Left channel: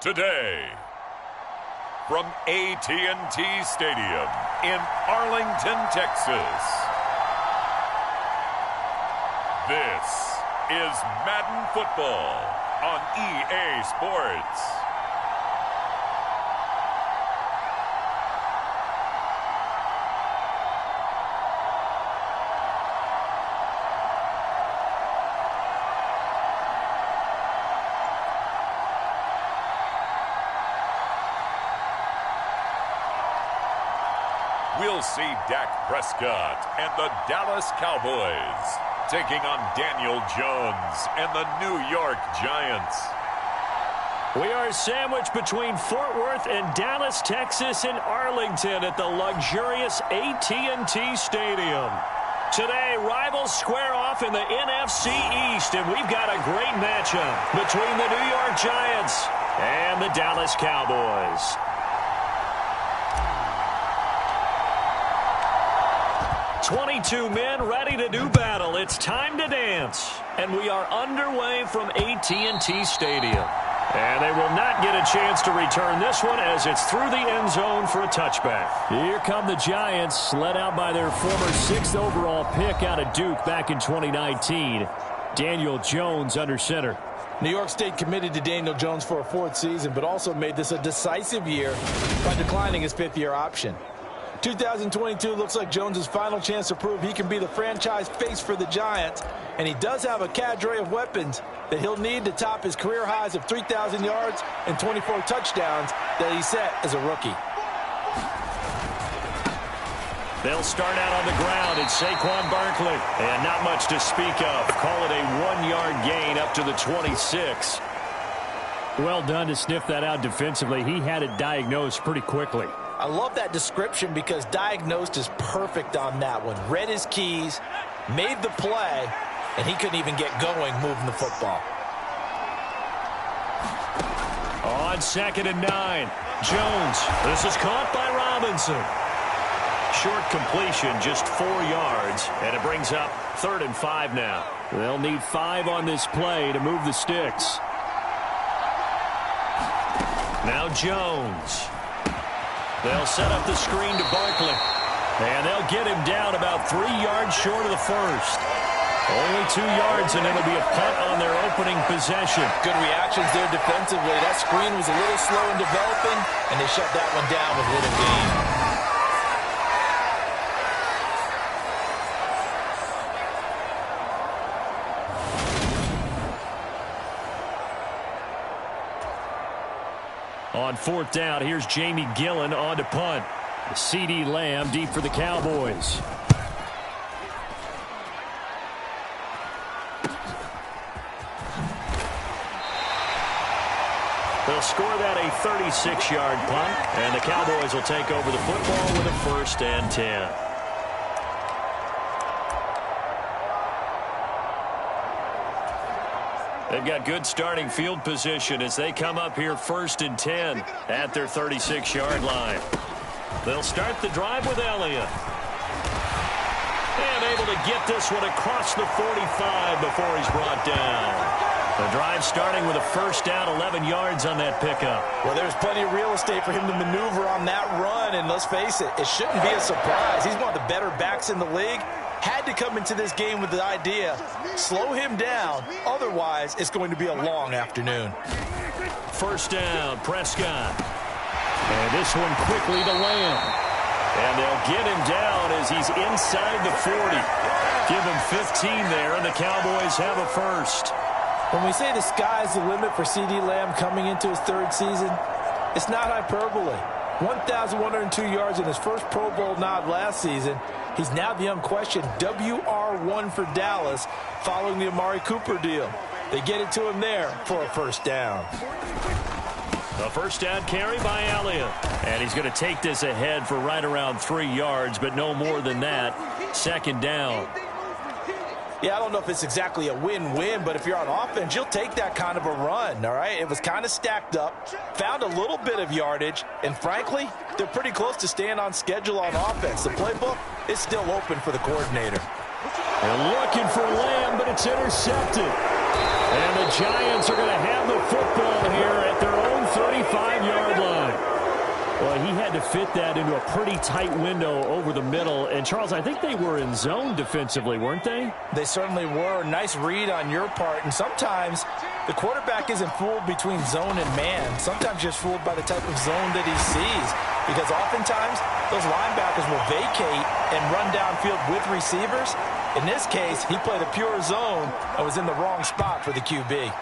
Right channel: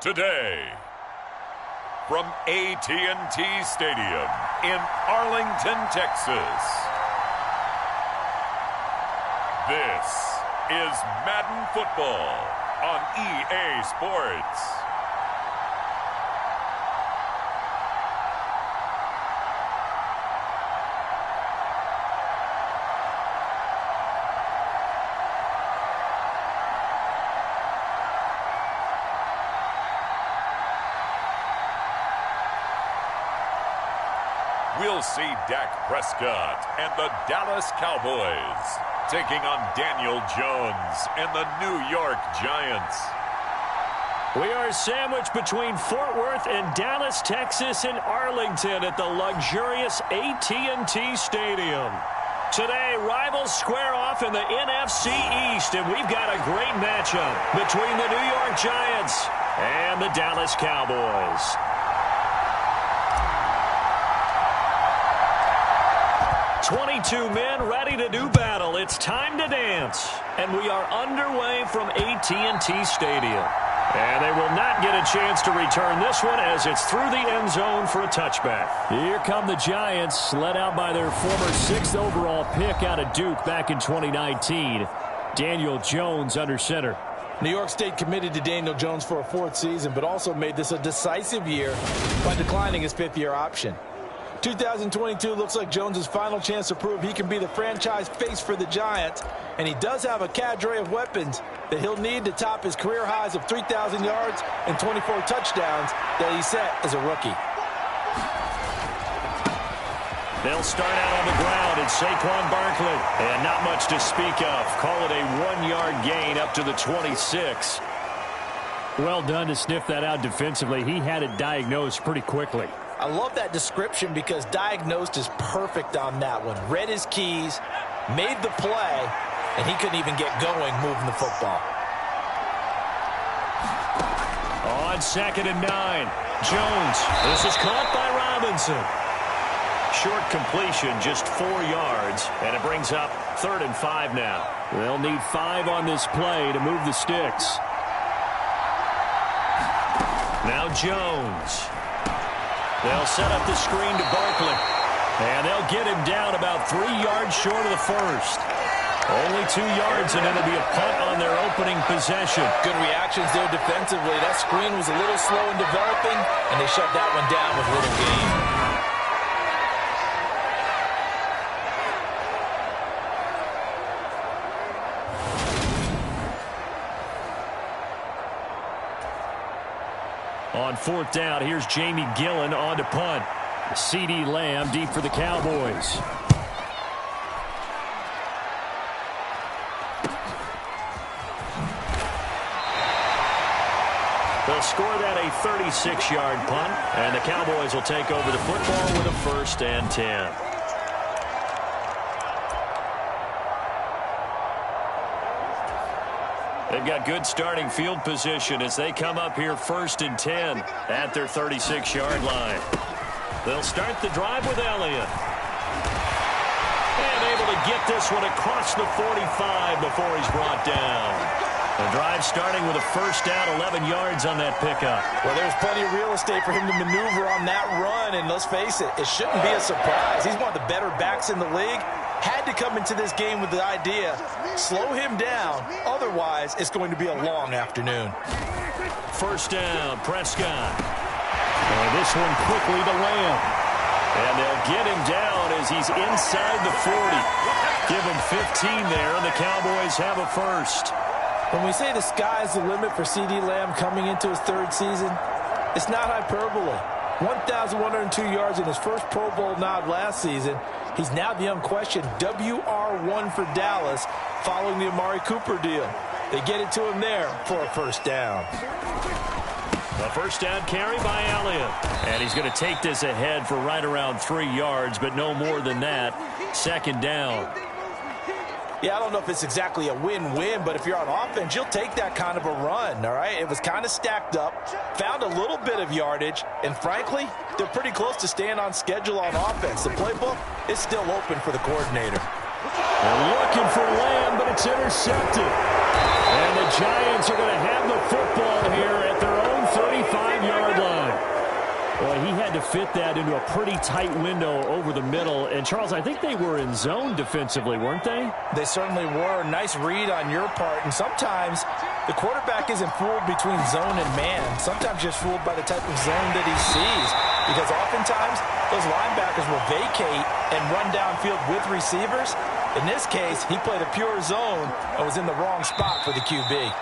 Today, from AT&T Stadium in Arlington, Texas, this is Madden Football on EA Sports. We'll see Dak Prescott and the Dallas Cowboys taking on Daniel Jones and the New York Giants. We are sandwiched between Fort Worth and Dallas, Texas, and Arlington at the luxurious AT&T Stadium. Today, rivals square off in the NFC East, and we've got a great matchup between the New York Giants and the Dallas Cowboys. "22 men ready to do battle. It's time to dance." And we are underway from AT&T Stadium. And they will not get a chance to return this one as it's through the end zone for a touchback. Here come the Giants, led out by their former 6th overall pick out of Duke back in 2019. Daniel Jones under center. New York stayed committed to Daniel Jones for a 4th season, but also made this a decisive year by declining his 5th-year option. 2022 looks like Jones' final chance to prove he can be the franchise face for the Giants, and he does have a cadre of weapons that he'll need to top his career highs of 3,000 yards and 24 touchdowns that he set as a rookie. They'll start out on the ground at Saquon Barkley, and not much to speak of. Call it a 1-yard gain up to the 26. Well done to sniff that out defensively. He had it diagnosed pretty quickly. I love that description because diagnosed is perfect on that one. Read his keys, made the play, and he couldn't even get going moving the football. On 2nd and 9, Jones. This is caught by Robinson. Short completion, just 4 yards, and it brings up 3rd and 5 now. They'll need 5 on this play to move the sticks. Now Jones. They'll set up the screen to Barkley. And they'll get him down about 3 yards short of the first. Only 2 yards, and it'll be a punt on their opening possession. Good reactions there defensively. That screen was a little slow in developing, and they shut that one down with little gain. On 4th down, here's Jamie Gillen on to punt. C.D. Lamb deep for the Cowboys. They'll score that a 36-yard punt, and the Cowboys will take over the football with a 1st and 10. They've got good starting field position as they come up here 1st and 10 at their 36-yard line. They'll start the drive with Elliott. And able to get this one across the 45 before he's brought down. The drive starting with a 1st down, 11 yards on that pickup. Well, there's plenty of real estate for him to maneuver on that run, and let's face it, it shouldn't be a surprise. He's one of the better backs in the league. Had to come into this game with the idea, slow him down, otherwise it's going to be a long afternoon. 1st down, Prescott. And this one quickly to Lamb. And they'll get him down as he's inside the 40. Give him 15 there, and the Cowboys have a 1st. When we say the sky's the limit for C.D. Lamb coming into his 3rd season, it's not hyperbole. 1,102 yards in his first Pro Bowl nod last season. He's now the unquestioned WR1 for Dallas following the Amari Cooper deal. They get it to him there for a 1st down. A 1st down carry by Elliott. And he's going to take this ahead for right around 3 yards, but no more than that. 2nd down. Yeah, I don't know if it's exactly a win-win, but if you're on offense, you'll take that kind of a run, all right? It was kind of stacked up, found a little bit of yardage, and frankly, they're pretty close to staying on schedule on offense. The playbook is still open for the coordinator. They're looking for Lamb, but it's intercepted. And the Giants are going to have the football here at their own 35-yard line. Well, he had to fit that into a pretty tight window over the middle. And, Charles, I think they were in zone defensively, weren't they? They certainly were. Nice read on your part. And sometimes the quarterback isn't fooled between zone and man. Sometimes just fooled by the type of zone that he sees. Because oftentimes those linebackers will vacate and run downfield with receivers. In this case, he played a pure zone and was in the wrong spot for the QB.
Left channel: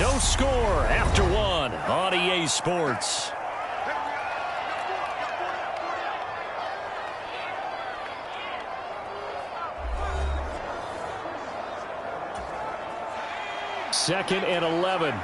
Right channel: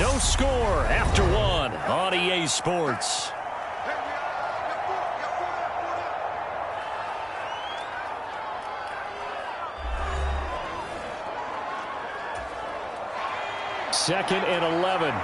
No score after one on EA Sports. Second and 11.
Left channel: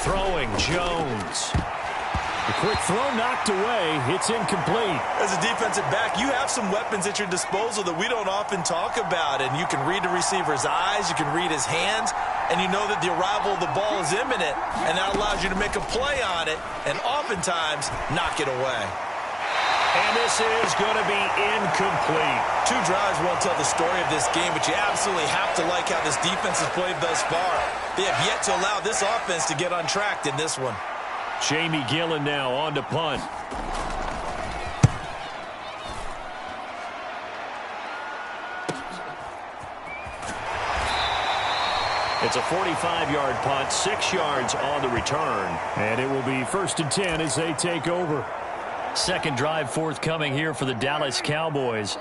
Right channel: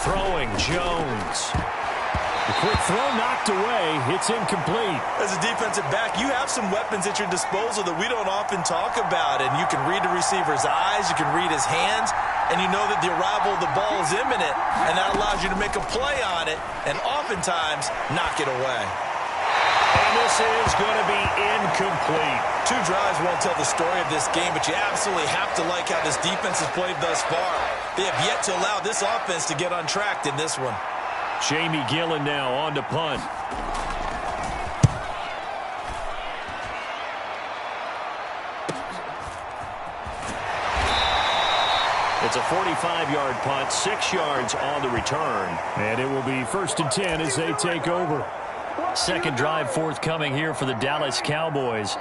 Throwing, Jones. A quick throw knocked away. It's incomplete. As a defensive back, you have some weapons at your disposal that we don't often talk about. And you can read the receiver's eyes, you can read his hands, and you know that the arrival of the ball is imminent. And that allows you to make a play on it and oftentimes knock it away. And this is going to be incomplete. Two drives won't tell the story of this game, but you absolutely have to like how this defense has played thus far. They have yet to allow this offense to get untracked in this one. Jamie Gillen now on to punt. It's a 45-yard punt, 6 yards on the return. And it will be 1st and 10 as they take over. Second drive forthcoming here for the Dallas Cowboys.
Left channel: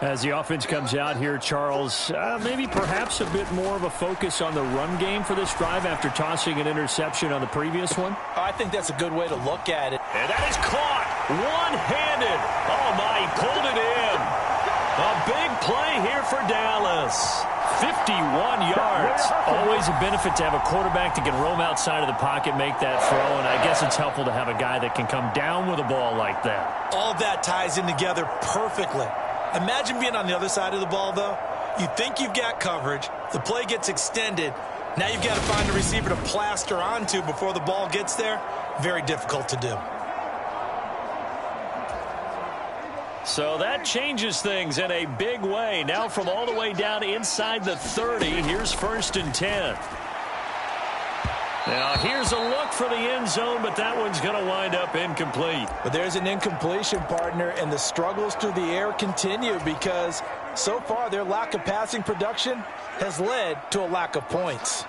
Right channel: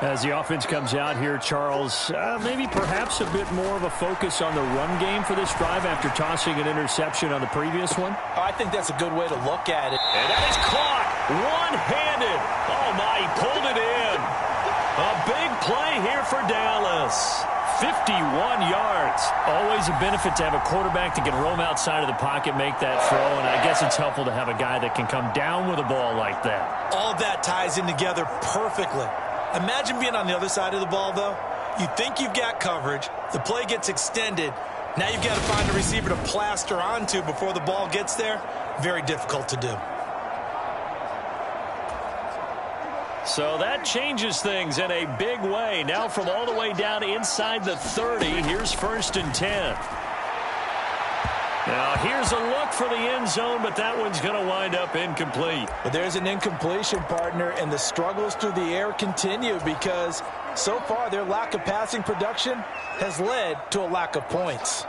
As the offense comes out here, Charles, maybe perhaps a bit more of a focus on the run game for this drive after tossing an interception on the previous one? I think that's a good way to look at it. And that is caught one-handed. Oh, my, he pulled it in. A big play here for Dallas. 51 yards. Always a benefit to have a quarterback that can roam outside of the pocket, make that throw, and I guess it's helpful to have a guy that can come down with a ball like that. All of that ties in together perfectly. Imagine being on the other side of the ball, though. You think you've got coverage. The play gets extended. Now you've got to find a receiver to plaster onto before the ball gets there. Very difficult to do. So that changes things in a big way. Now from all the way down inside the 30, here's 1st and 10. Now here's a look for the end zone, but that one's going to wind up incomplete. But there's an incompletion, partner, and the struggles through the air continue because so far their lack of passing production has led to a lack of points.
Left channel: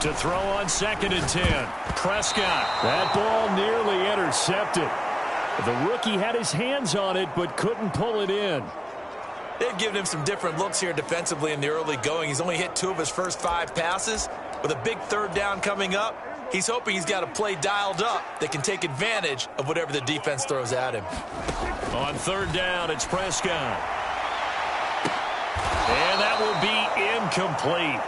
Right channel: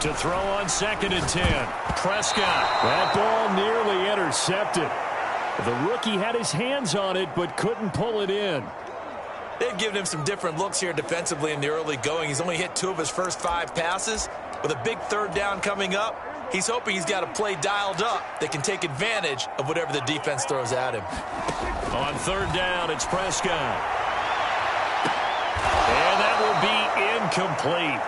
To throw on 2nd and 10. Prescott. That ball nearly intercepted. The rookie had his hands on it but couldn't pull it in. They've given him some different looks here defensively in the early going. He's only hit 2 of his first 5 passes. With a big 3rd down coming up, he's hoping he's got a play dialed up that can take advantage of whatever the defense throws at him. On 3rd down, it's Prescott. And that will be incomplete.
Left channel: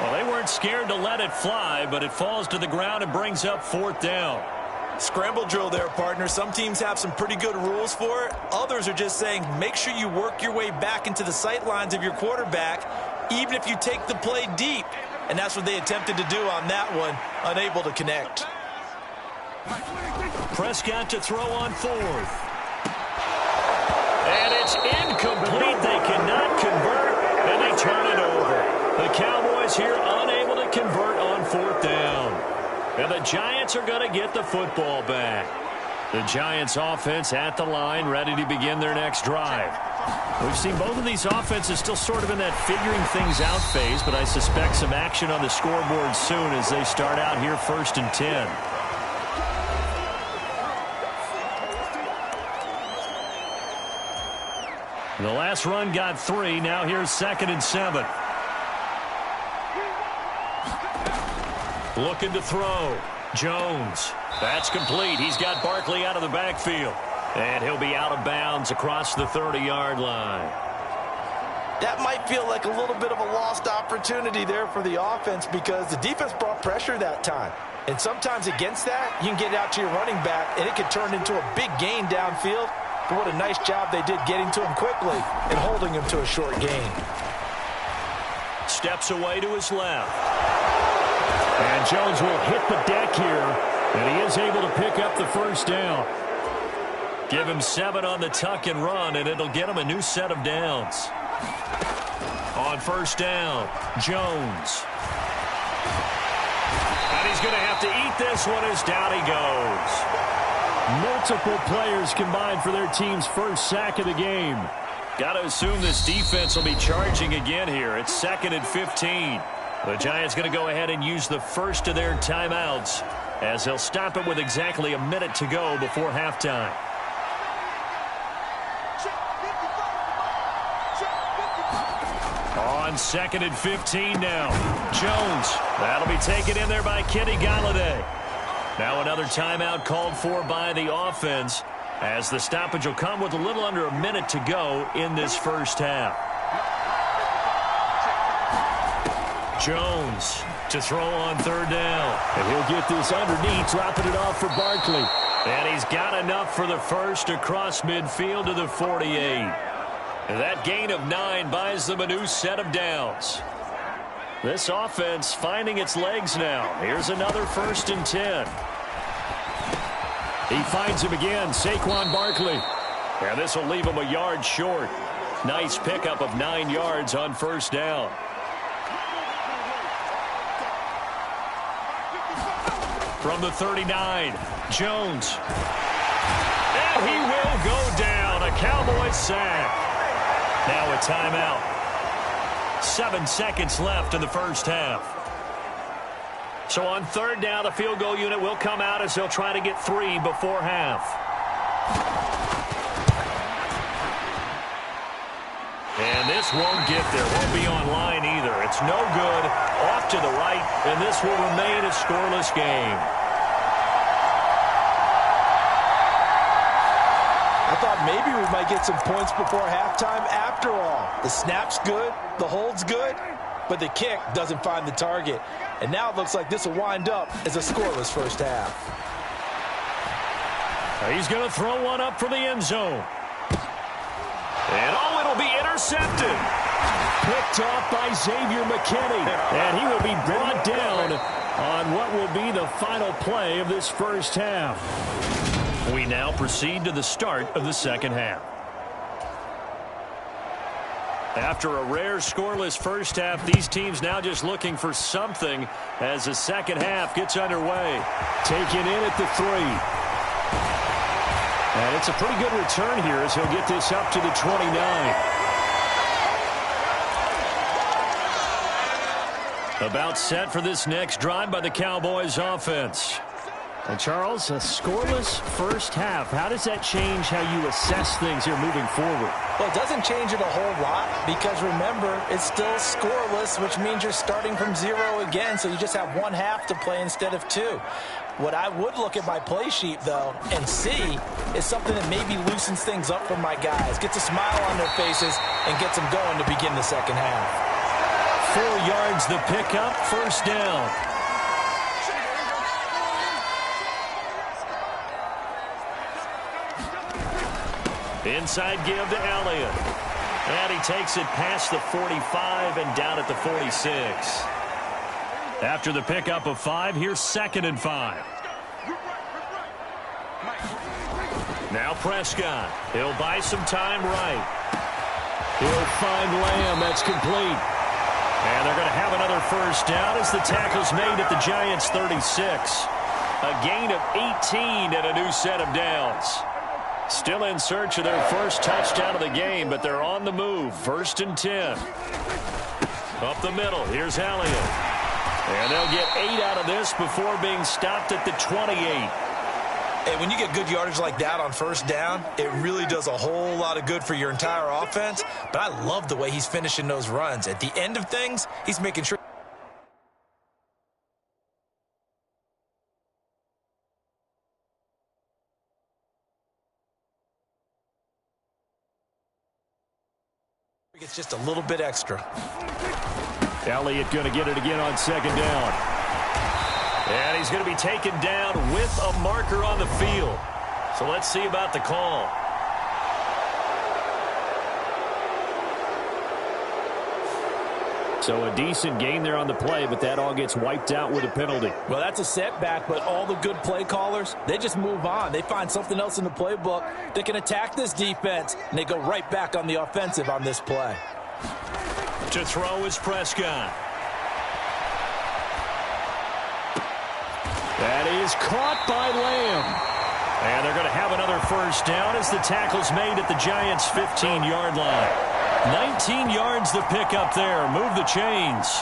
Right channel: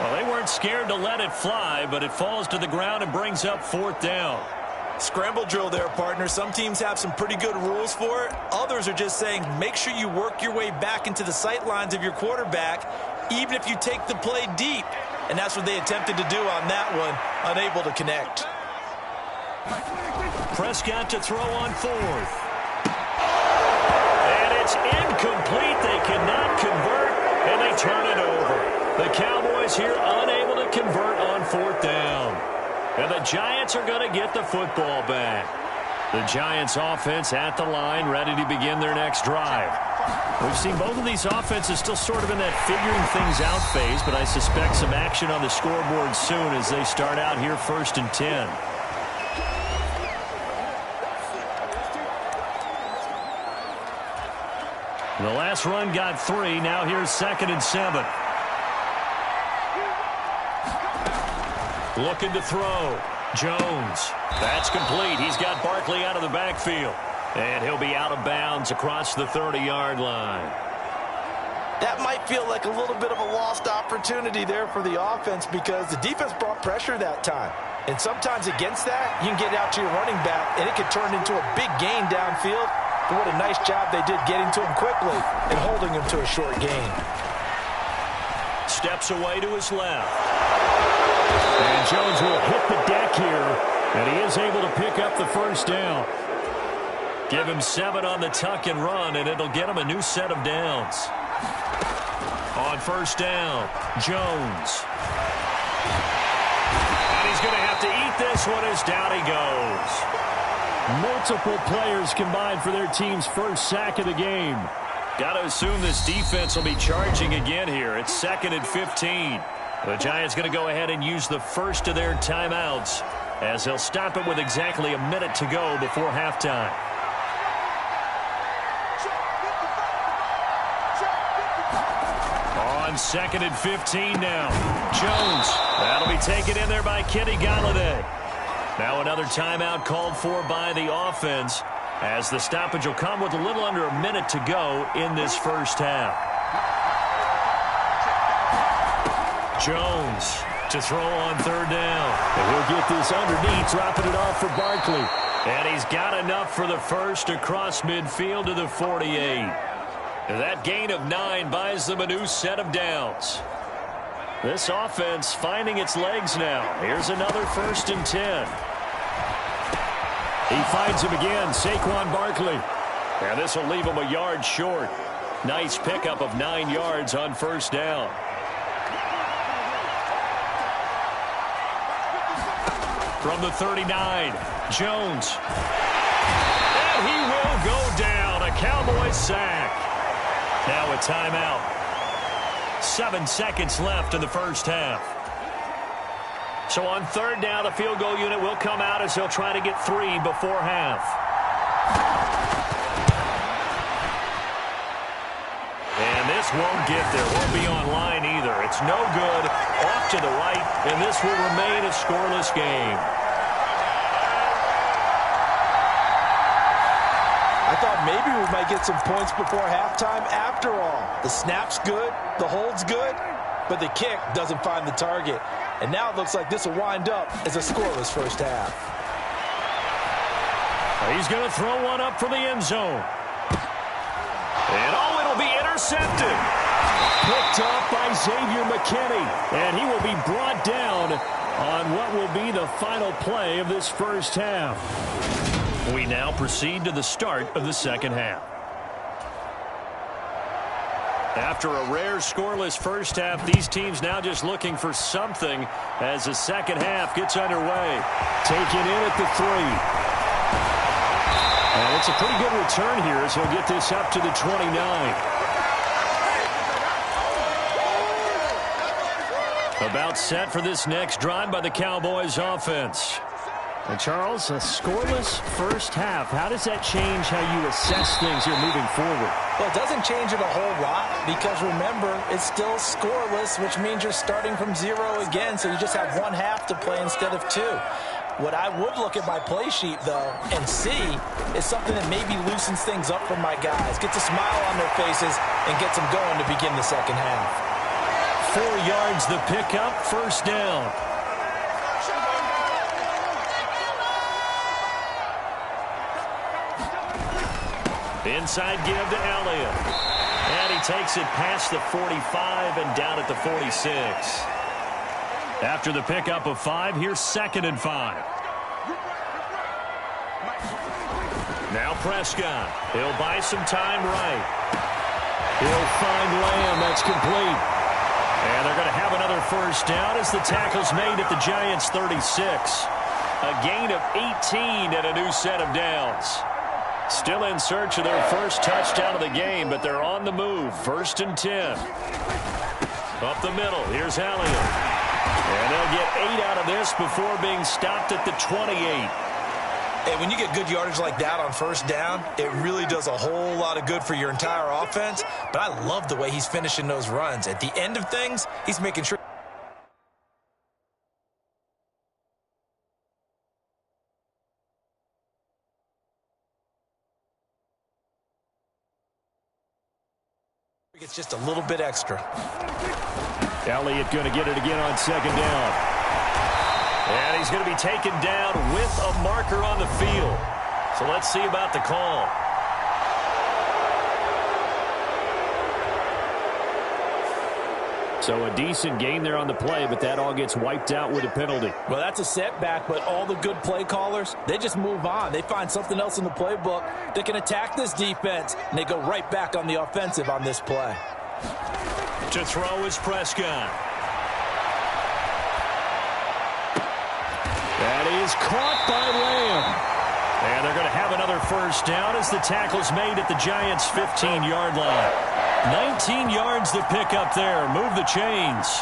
Well, they weren't scared to let it fly, but it falls to the ground and brings up 4th down. Scramble drill there, partner. Some teams have some pretty good rules for it. Others are just saying make sure you work your way back into the sight lines of your quarterback, even if you take the play deep. And that's what they attempted to do on that one, unable to connect. Prescott to throw on 4th. And it's incomplete. They cannot convert, and they turn it over. The Cowboys here unable to convert on 4th down. And the Giants are going to get the football back. The Giants offense at the line, ready to begin their next drive. We've seen both of these offenses still sort of in that figuring things out phase, but I suspect some action on the scoreboard soon as they start out here 1st and 10. And the last run got 3. Now here's 2nd and 7. Looking to throw. Jones. That's complete. He's got Barkley out of the backfield. And he'll be out of bounds across the 30-yard line. That might feel like a little bit of a lost opportunity there for the offense because the defense brought pressure that time. And sometimes against that, you can get out to your running back, and it could turn into a big gain downfield. But what a nice job they did getting to him quickly and holding him to a short gain. Steps away to his left. And Jones will hit the deck here, and he is able to pick up the 1st down. Give him 7 on the tuck and run, and it'll get him a new set of downs. On first down, Jones. And he's going to have to eat this one as down he goes. Multiple players combined for their team's first sack of the game. Got to assume this defense will be charging again here. It's 2nd and 15. The Giants going to go ahead and use the first of their timeouts as they'll stop it with exactly a minute to go before halftime. On 2nd and 15 now. Jones. That'll be taken in there by Kenny Galladay. Now another timeout called for by the offense as the stoppage will come with a little under a minute to go in this first half. Jones to throw on 3rd down. And he'll get this underneath, dropping it off for Barkley. And he's got enough for the first across midfield to the 48. That gain of 9 buys them a new set of downs. This offense finding its legs now. Here's another 1st and 10. He finds him again, Saquon Barkley. And this will leave him a yard short. Nice pickup of 9 yards on 1st down. From the 39, Jones. And he will go down. A Cowboys sack. Now a timeout. 7 seconds left in the first half. So on 3rd down, the field goal unit will come out as they'll try to get 3 before half. And this won't get there. Won't be online either. It's no good. Off to the right, and this will remain a scoreless game. I thought maybe we might get some points before halftime. After all, the snap's good, the hold's good, but the kick doesn't find the target. And now it looks like this will wind up as a scoreless first half. He's going to throw one up for the end zone. And oh, it'll be intercepted. Picked off by Xavier McKinney. And he will be brought down on what will be the final play of this first half. We now proceed to the start of the second half. After a rare scoreless first half, these teams now just looking for something as the second half gets underway. Taken in at the 3. And it's a pretty good return here as he'll get this up to the 29. About set for this next drive by the Cowboys offense. And Charles, a scoreless first half. How does that change how you assess things here moving forward? Well, it doesn't change it a whole lot because, remember, it's still scoreless, which means you're starting from 0 again, so you just have 1 half to play instead of 2. What I would look at my play sheet, though, and see is something that maybe loosens things up for my guys, gets a smile on their faces, and gets them going to begin the second half. 4 yards the pickup, first down. Inside give to Elliott. And he takes it past the 45 and down at the 46. After the pickup of 5, here's 2nd and 5. Now Prescott. He'll buy some time right. He'll find Lamb. That's complete. And they're going to have another first down as the tackle's made at the Giants' 36. A gain of 18 and a new set of downs. Still in search of their first touchdown of the game, but they're on the move. 1st and 10. Up the middle, here's Elliott. And they'll get 8 out of this before being stopped at the 28. Hey, when you get good yardage like that on first down, it really does a whole lot of good for your entire offense. But I love the way he's finishing those runs. At the end of things, he's making sure it's just a little bit extra. Elliott going to get it again on 2nd down. And he's going to be taken down with a marker on the field. So let's see about the call. So a decent gain there on the play, but that all gets wiped out with a penalty. Well, that's a setback, but all the good play callers, they just move on. They find something else in the playbook that can attack this defense, and they go right back on the offensive on this play. To throw is Prescott. That is caught by Lamb. And they're going to have another first down as the tackle's made at the Giants' 15-yard line. 19 yards to pick up there. Move the chains.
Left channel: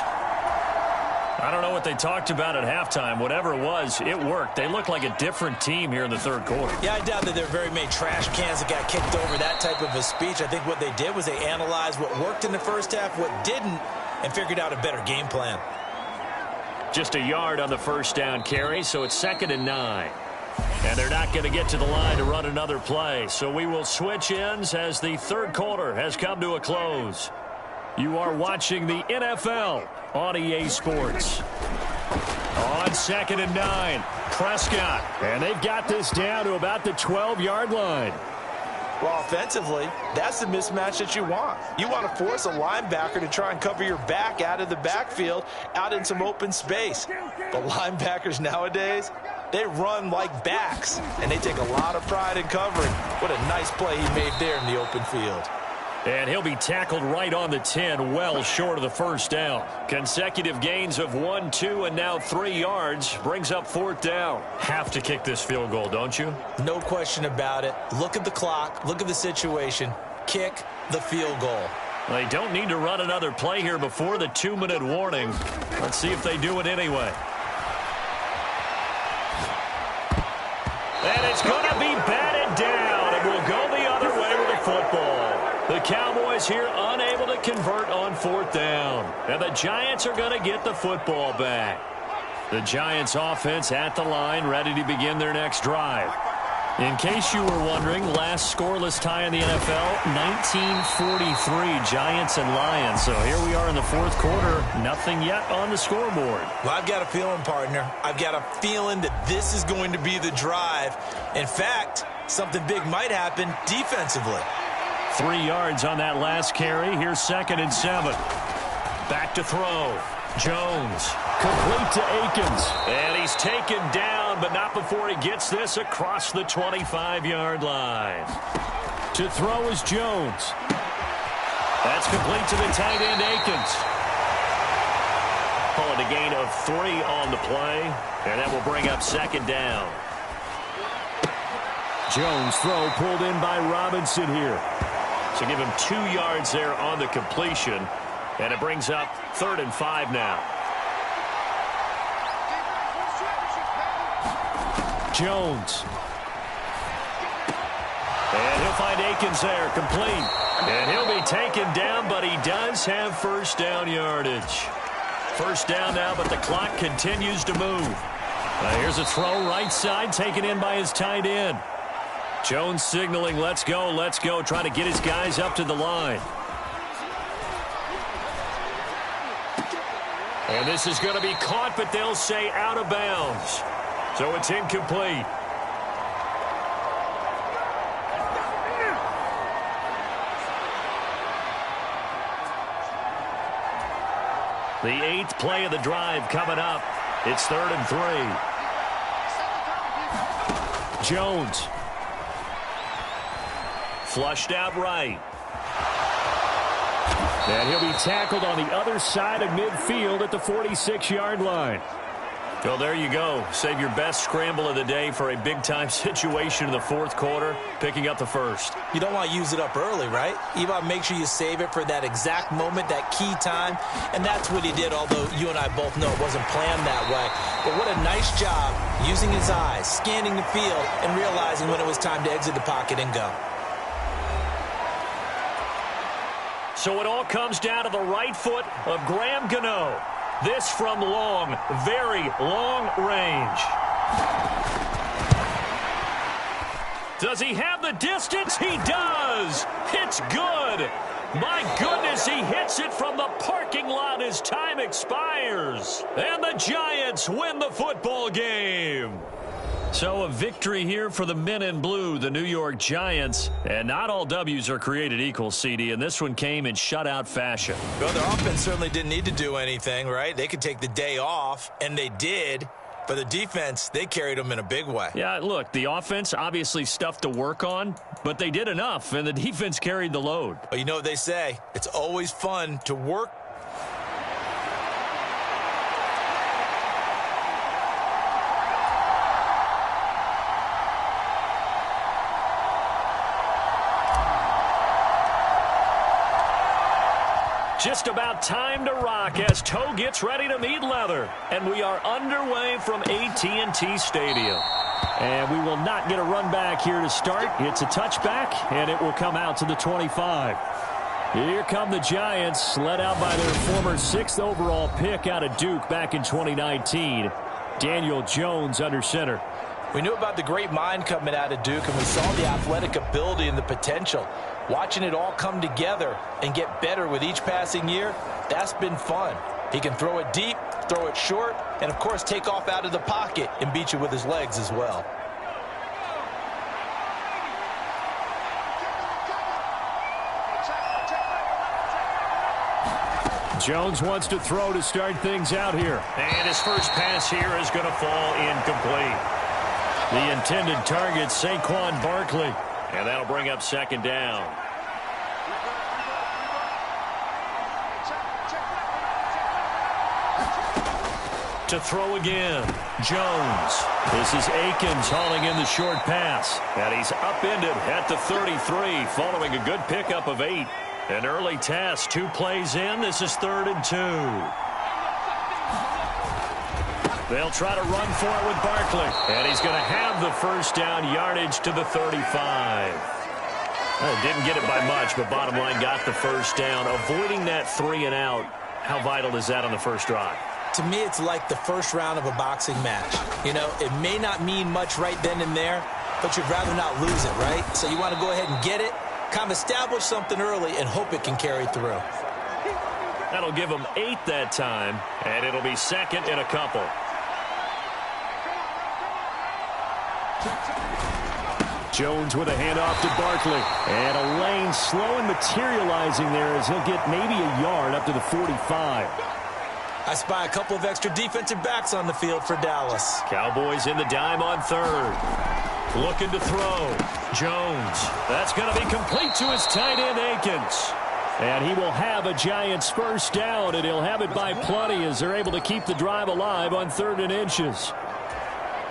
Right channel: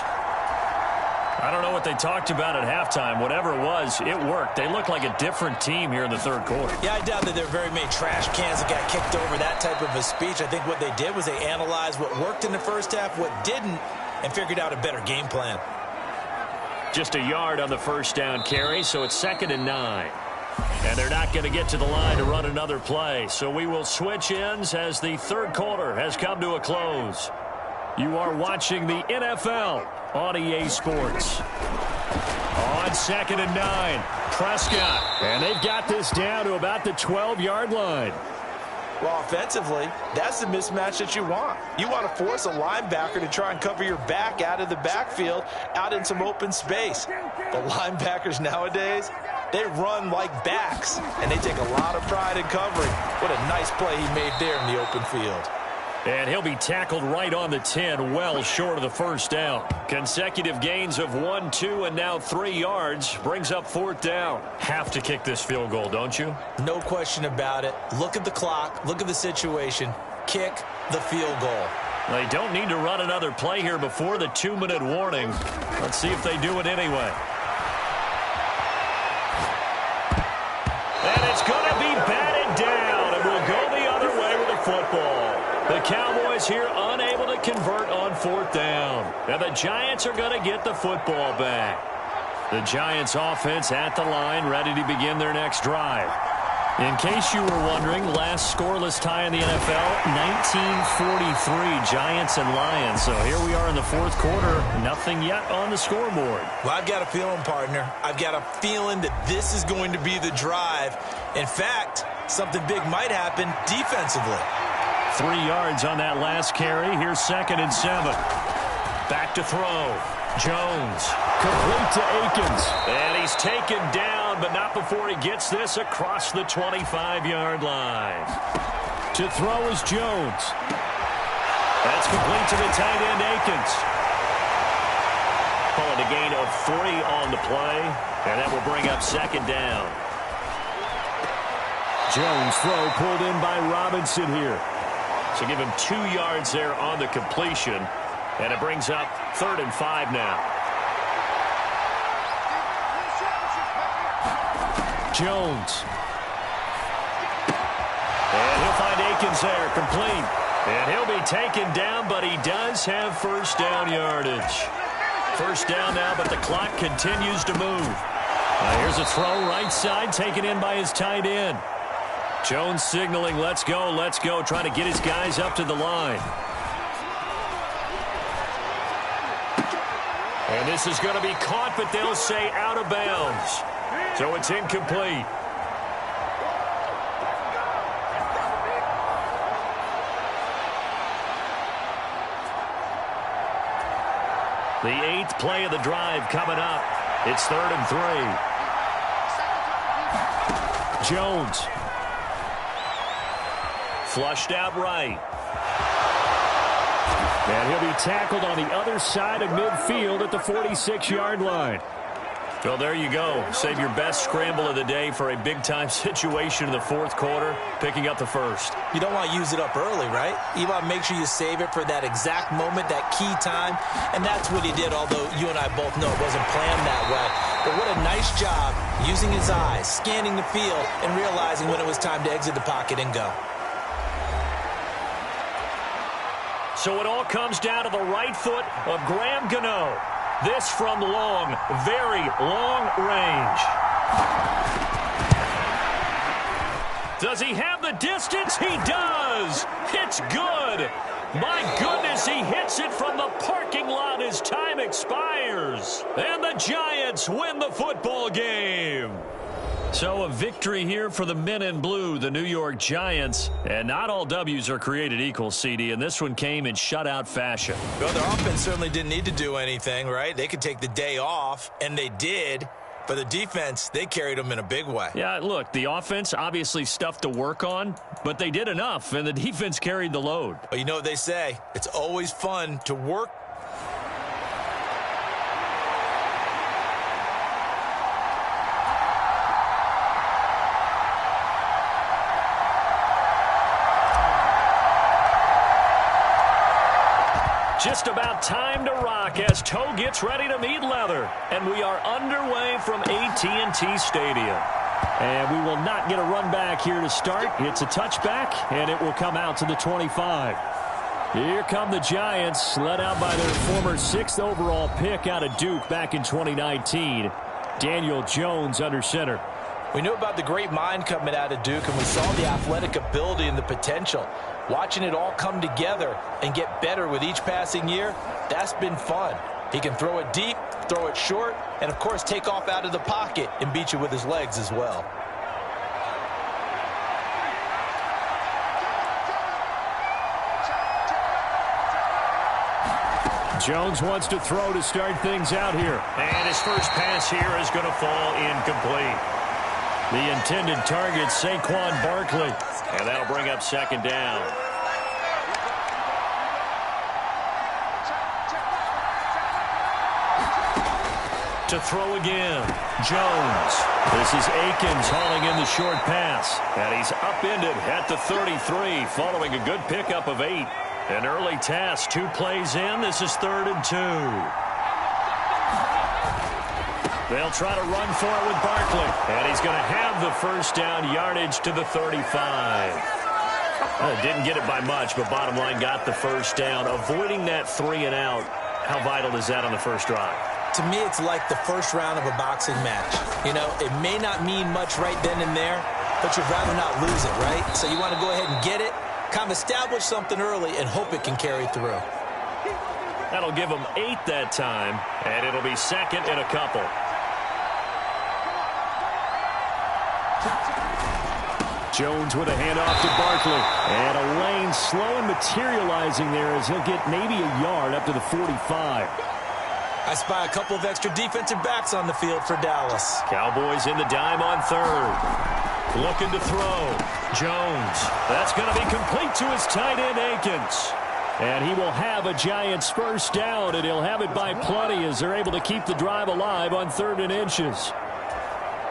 I don't know what they talked about at halftime. Whatever it was, it worked. They look like a different team here in the third quarter. Yeah, I doubt that there are very many trash cans that got kicked over that type of a speech. I think what they did was they analyzed what worked in the first half, what didn't, and figured out a better game plan. Just a yard on the first down carry, so it's 2nd and 9. And they're not going to get to the line to run another play. So we will switch ends as the third quarter has come to a close. You are watching the NFL on EA Sports. On 2nd and 9, Prescott. And they've got this down to about the 12-yard line. Well, offensively, that's the mismatch that you want. You want to force a linebacker to try and cover your back out of the backfield, out in some open space. But linebackers nowadays, they run like backs, and they take a lot of pride in covering. What a nice play he made there in the open field. And he'll be tackled right on the 10, well short of the first down. Consecutive gains of 1, 2, and now 3 yards brings up 4th down. Have to kick this field goal, don't you? No question about it. Look at the clock. Look at the situation. Kick the field goal. They don't need to run another play here before the 2-minute warning. Let's see if they do it anyway. And it's going to be batted down, and we'll go the other way with the football. The Cowboys here unable to convert on 4th down. And the Giants are going to get the football back. The Giants offense at the line, ready to begin their next drive. In case you were wondering, last scoreless tie in the NFL, 1943, Giants and Lions. So here we are in the fourth quarter, nothing yet on the scoreboard. Well, I've got a feeling, partner. I've got a feeling that this is going to be the drive. In fact, something big might happen defensively. 3 yards on that last carry. Here's 2nd and 7. Back to throw. Jones. Complete to Akins. And he's taken down, but not before he gets this across the 25-yard line. To throw is Jones. That's complete to the tight end, Akins. Calling a gain of 3 on the play, and that will bring up 2nd down. Jones' throw pulled in by Robinson here. So give him 2 yards there on the completion, and it brings up 3rd and 5 now. Jones. And he'll find Akins there, complete. And he'll be taken down, but he does have first down yardage. First down now, but the clock continues to move. Here's a throw right side, taken in by his tight end. Jones signaling, let's go, trying to get his guys up to the line. And this is going to be caught, but they'll say out of bounds. So it's incomplete. The 8th play of the drive coming up. It's 3rd and 3. Jones. Flushed out right. And he'll be tackled on the other side of midfield at the 46-yard line. Well, there you go. Save your best scramble of the day for a big-time situation in the fourth quarter, picking up the first. You don't want to use it up early, right? You want to make sure you save it for that exact moment, that key time. And that's what he did, although you and I both know it wasn't planned that way. But what a nice job using his eyes, scanning the field, and realizing when it was time to exit the pocket and go. So it all comes down to the right foot of Graham Gano. This from long, very long range. Does he have the distance? He does. It's good. My goodness, he hits it from the parking lot as time expires. And the Giants win the football game. So a victory here for the men in blue, the New York Giants. And not all W's are created equal, CD, and this one came in shutout fashion. Well, their offense certainly didn't need to do anything, right? They could take the day off, and they did. But the defense, they carried them in a big way. Yeah, look, the offense, obviously stuff to work on, but they did enough, and the defense carried the load. Well, you know what they say. It's always fun to work. Just about time to rock as toe gets ready to meet leather. And we are underway from AT&T Stadium. And we will not get a run back here to start. It's a touchback, and it will come out to the 25. Here come the Giants, led out by their former 6th overall pick out of Duke back in 2019. Daniel Jones under center. We knew about the great mind coming out of Duke, and we saw the athletic ability and the potential. Watching it all come together and get better with each passing year, that's been fun. He can throw it deep, throw it short, and, of course, take off out of the pocket and beat you with his legs as well. Jones wants to throw to start things out here. And his first pass here is going to fall incomplete. The intended target, Saquon Barkley. And that'll bring up second down. To throw again, Jones. This is Akins hauling in the short pass. And he's upended at the 33 following a good pickup of 8. An early task, 2 plays in. This is 3rd and 2. They'll try to run for it with Barkley. And he's going to have the first down, yardage to the 35. Didn't get it by much, but bottom line got the first down. Avoiding that 3 and out, how vital is that on the first drive? To me, it's like the first round of a boxing match. You know, it may not mean much right then and there, but you'd rather not lose it, right? So you want to go ahead and get it, kind of establish something early, and hope it can carry through. That'll give them 8 that time, and it'll be second and a couple. Jones with a handoff to Barkley. And a lane slow and materializing there as he'll get maybe a yard up to the 45. I spy a couple of extra defensive backs on the field for Dallas. Cowboys in the dime on 3rd. Looking to throw. Jones. That's going to be complete to his tight end, Akins. And he will have a Giants first down, and he'll have it by plenty as they're able to keep the drive alive on 3rd and inches.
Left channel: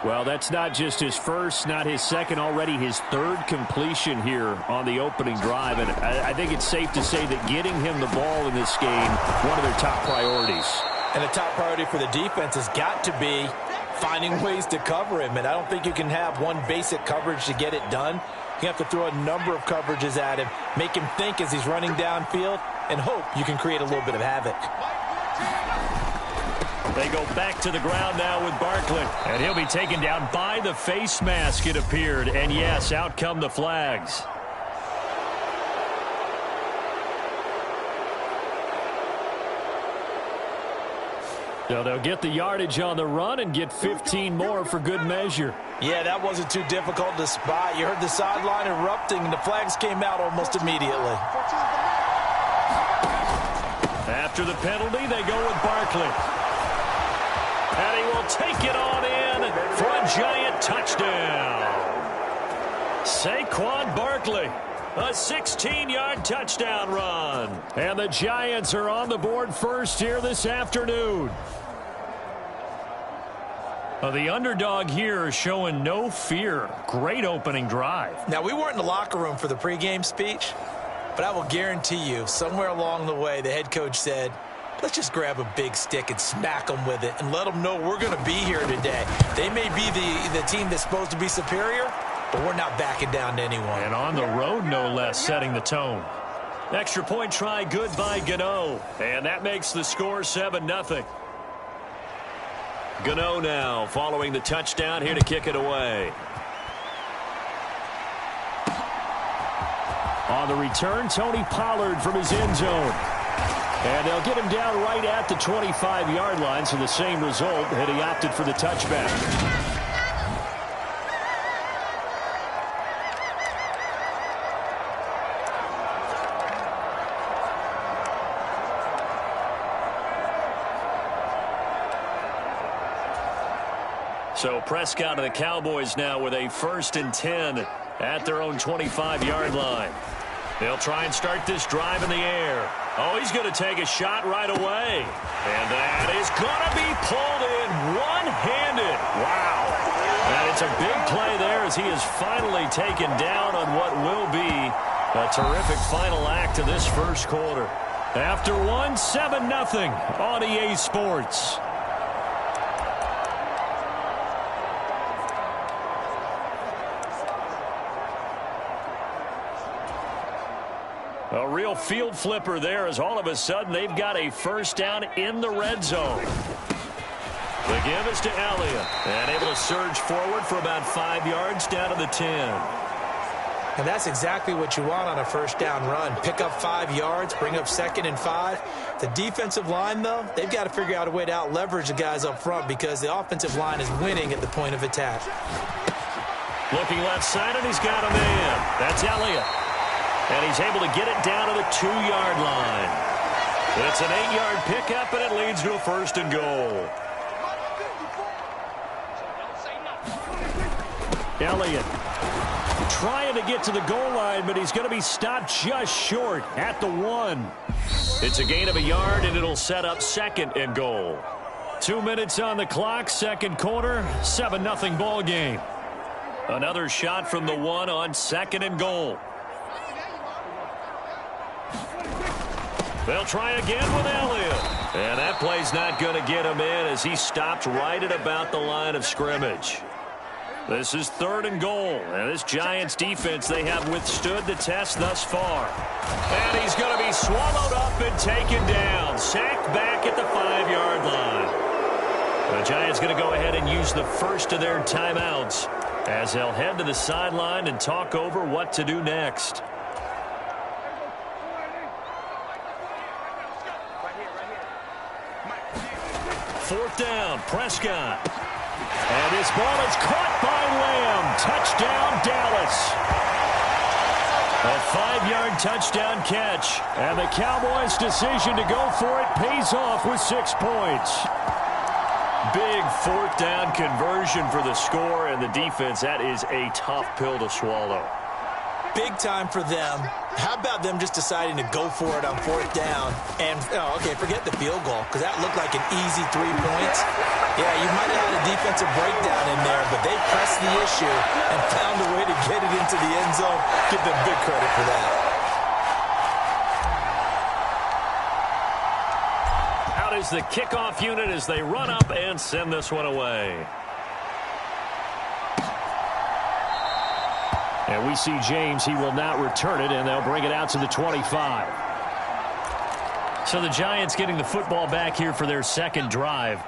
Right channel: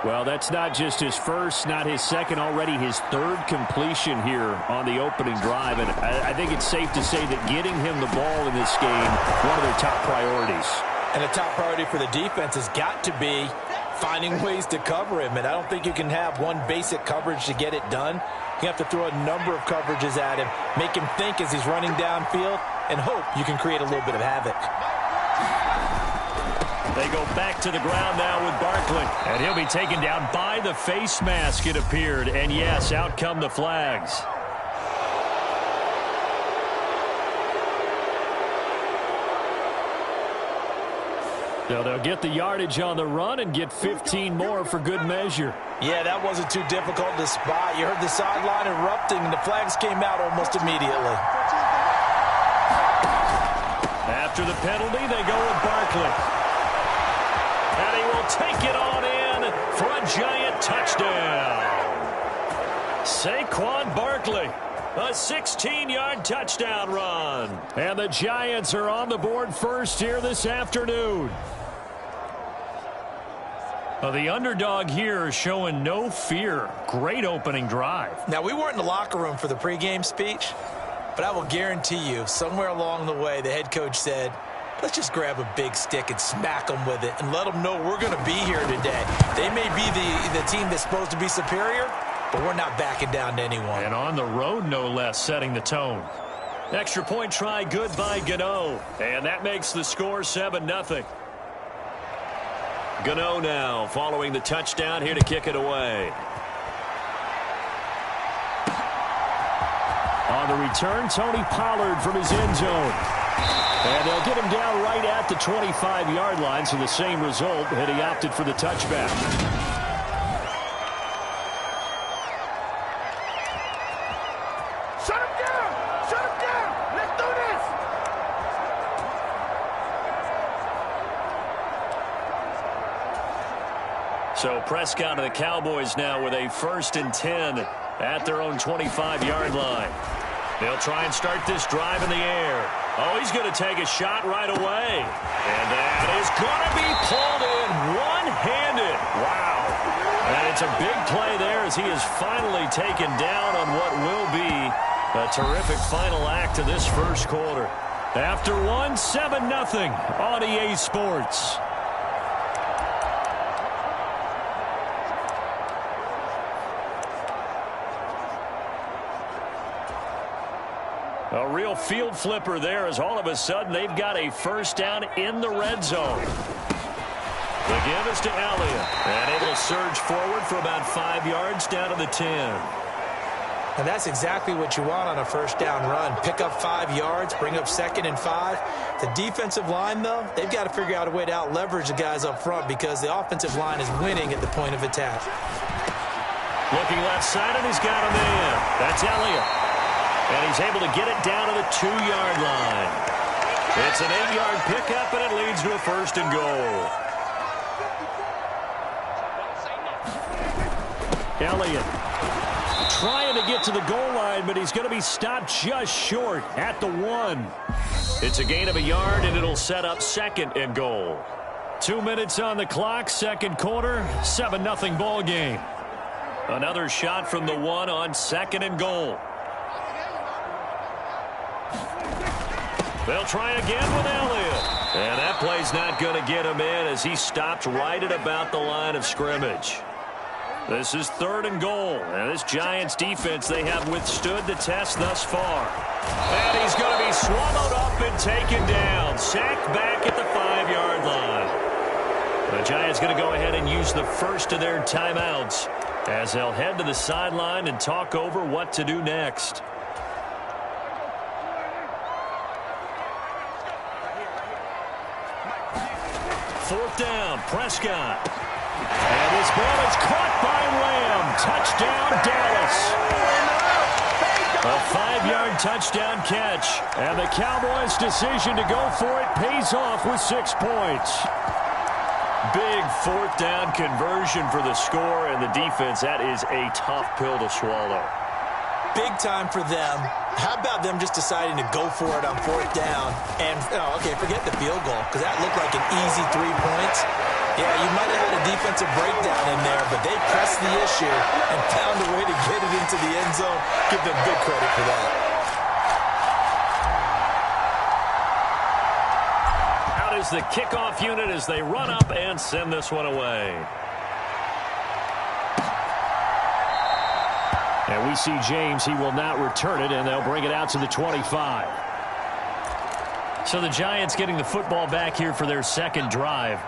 Well, that's not just his first, not his second, already his 3rd completion here on the opening drive. And I think it's safe to say that getting him the ball in this game, one of their top priorities. And the top priority for the defense has got to be finding ways to cover him. And I don't think you can have one basic coverage to get it done. You have to throw a number of coverages at him, make him think as he's running downfield, and hope you can create a little bit of havoc. They go back to the ground now with Barkley. And he'll be taken down by the face mask, it appeared. And yes, out come the flags. So they'll get the yardage on the run and get 15 more for good measure. Yeah, that wasn't too difficult to spot. You heard the sideline erupting, and the flags came out almost immediately. After the penalty, they go with Barkley. And he will take it on in for a Giant touchdown. Saquon Barkley, a 16-yard touchdown run. And the Giants are on the board first here this afternoon. The underdog here is showing no fear. Great opening drive. Now, we weren't in the locker room for the pregame speech, but I will guarantee you, somewhere along the way, the head coach said, let's just grab a big stick and smack them with it and let them know we're going to be here today. They may be the team that's supposed to be superior, but we're not backing down to anyone. And on the road, no less, setting the tone. Extra point try good by Gano. And that makes the score 7-0. Gano now following the touchdown here to kick it away. On the return, Tony Pollard from his end zone. And they'll get him down right at the 25-yard line, so the same result, and he opted for the touchback. So Prescott and the Cowboys now with a 1st and 10 at their own 25-yard line. They'll try and start this drive in the air. Oh, he's going to take a shot right away. And that is going to be pulled in one-handed. Wow. And it's a big play there as he is finally taken down on what will be a terrific final act of this first quarter. After one, 7-0 on EA Sports. A real field flipper there as all of a sudden they've got a 1st down in the red zone. The give is to Elliott. And able to surge forward for about 5 yards down to the 10. And that's exactly what you want on a 1st down run. Pick up 5 yards, bring up 2nd and 5. The defensive line, though, they've got to figure out a way to out-leverage the guys up front because the offensive line is winning at the point of attack. Looking left side, and he's got a man. That's Elliott. And he's able to get it down to the 2-yard line. It's an 8-yard pickup, and it leads to a 1st and goal. Elliott trying to get to the goal line, but he's going to be stopped just short at the 1. It's a gain of a yard, and it'll set up 2nd and goal. 2 minutes on the clock, second quarter, 7-0 ball game. Another shot from the 1 on 2nd and goal. They'll try again with Elliott. And that play's not going to get him in as he stopped right at about the line of scrimmage. This is 3rd and goal. And this Giants defense, they have withstood the test thus far. And he's going to be swallowed up and taken down. Sacked back at the 5-yard line. The Giants going to go ahead and use the first of their timeouts as they'll head to the sideline and talk over what to do next. Fourth down, Prescott. And this ball is caught by Lamb. Touchdown, Dallas. A 5-yard touchdown catch. And the Cowboys' decision to go for it pays off with 6 points. Big 4th down conversion for the score, and the defense, that is a tough pill to swallow. Big time for them. How about them just deciding to go for it on 4th down? And, okay, forget the field goal, because that looked like an easy 3 points. Yeah, you might have had a defensive breakdown in there, but they pressed the issue and found a way to get it into the end zone. Give them big credit for that. Out is the kickoff unit as they run up and send this one away. And we see James. He will not return it, and they'll bring it out to the 25. So the Giants getting the football back here for their 2nd drive.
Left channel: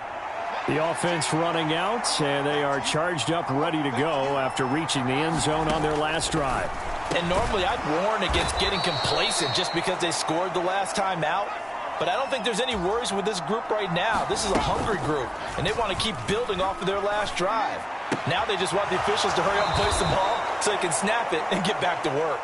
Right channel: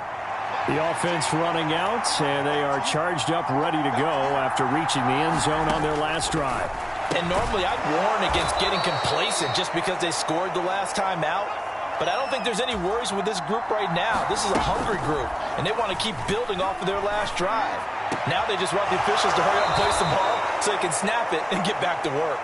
The offense running out, and they are charged up, ready to go after reaching the end zone on their last drive. And normally I'd warn against getting complacent just because they scored the last time out. But I don't think there's any worries with this group right now. This is a hungry group, and they want to keep building off of their last drive. Now they just want the officials to hurry up and place the ball so they can snap it and get back to work.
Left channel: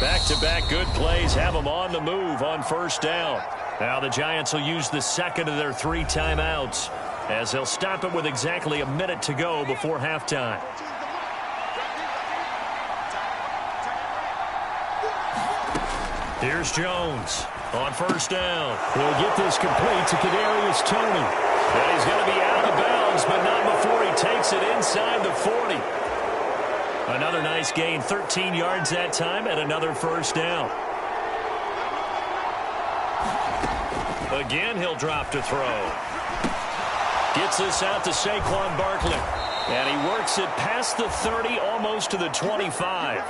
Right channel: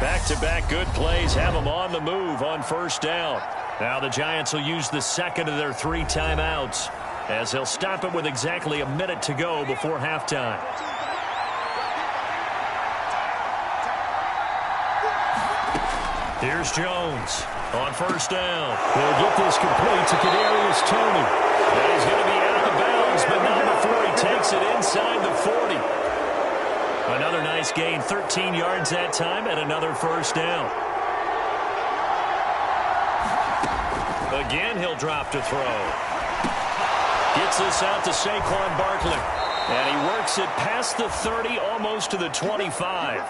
Back-to-back good plays have them on the move on 1st down. Now the Giants will use the 2nd of their 3 timeouts as they'll stop it with exactly a minute to go before halftime. Here's Jones on 1st down. He'll get this complete to Kadarius Toney. And he's going to be out of bounds, but not before he takes it inside the 40. Another nice gain, 13 yards that time, and another 1st down. Again, he'll drop to throw. Gets this out to Saquon Barkley. And he works it past the 30, almost to the 25.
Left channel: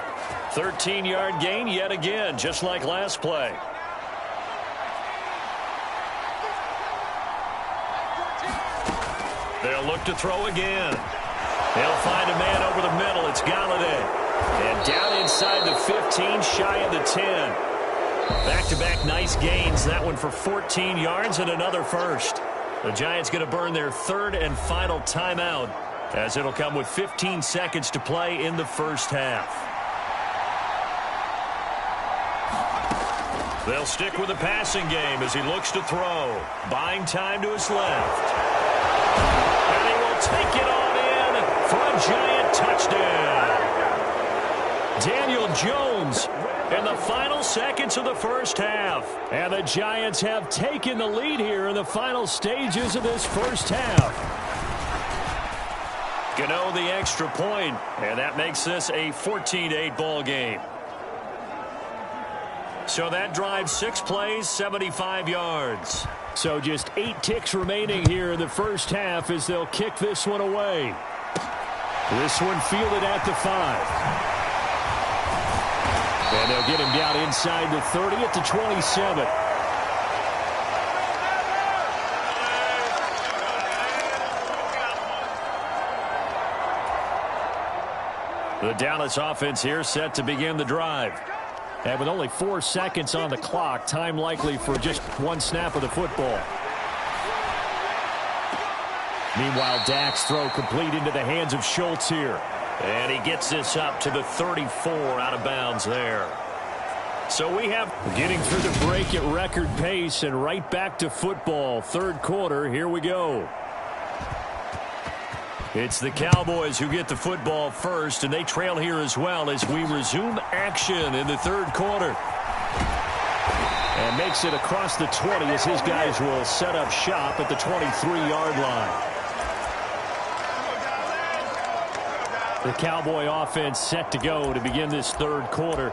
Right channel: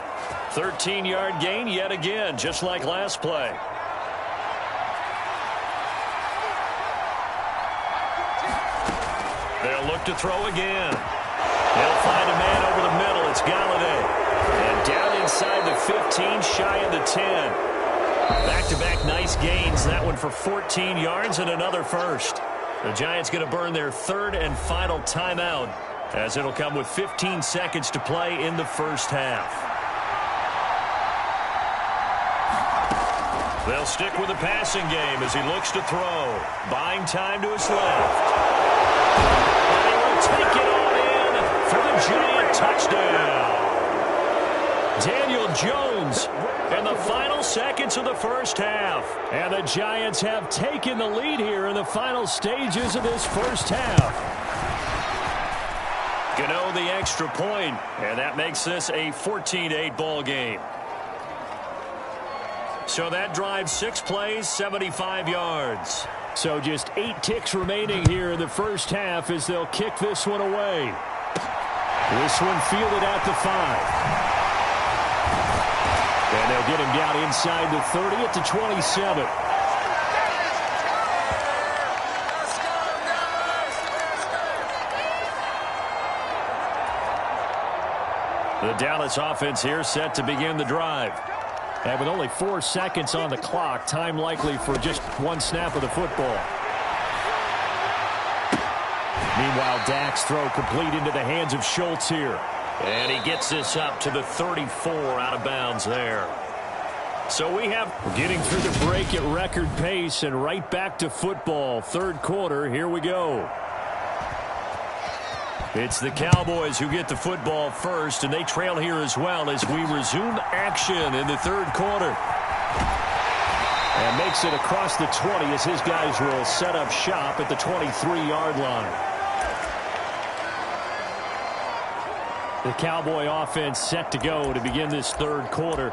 13-yard gain yet again, just like last play. They'll look to throw again. He'll find a man over the middle. It's Galladay. And down inside the 15, shy of the 10. Back-to-back nice gains. That one for 14 yards and another 1st. The Giants going to burn their 3rd and final timeout as it'll come with 15 seconds to play in the 1st half. They'll stick with the passing game as he looks to throw. Buying time to his left. And he will take it on Giant touchdown. Daniel Jones in the final seconds of the first half. And the Giants have taken the lead here in the final stages of this first half. Gano the extra point, and that makes this a 14-8 ball game. So that drives 6 plays, 75 yards. So just 8 ticks remaining here in the first half as they'll kick this one away. This one fielded at the 5. And they'll get him down inside the 30 at the 27. The Dallas offense here set to begin the drive. And with only 4 seconds on the clock, time likely for just one snap of the football. Meanwhile, Dak's throw complete into the hands of Schultz here. And he gets this up to the 34 out of bounds there. So we have getting through the break at record pace and right back to football. Third quarter, here we go. It's the Cowboys who get the football first, and they trail here as well as we resume action in the third quarter. And makes it across the 20 as his guys will set up shop at the 23-yard line. The Cowboy offense set to go to begin this third quarter.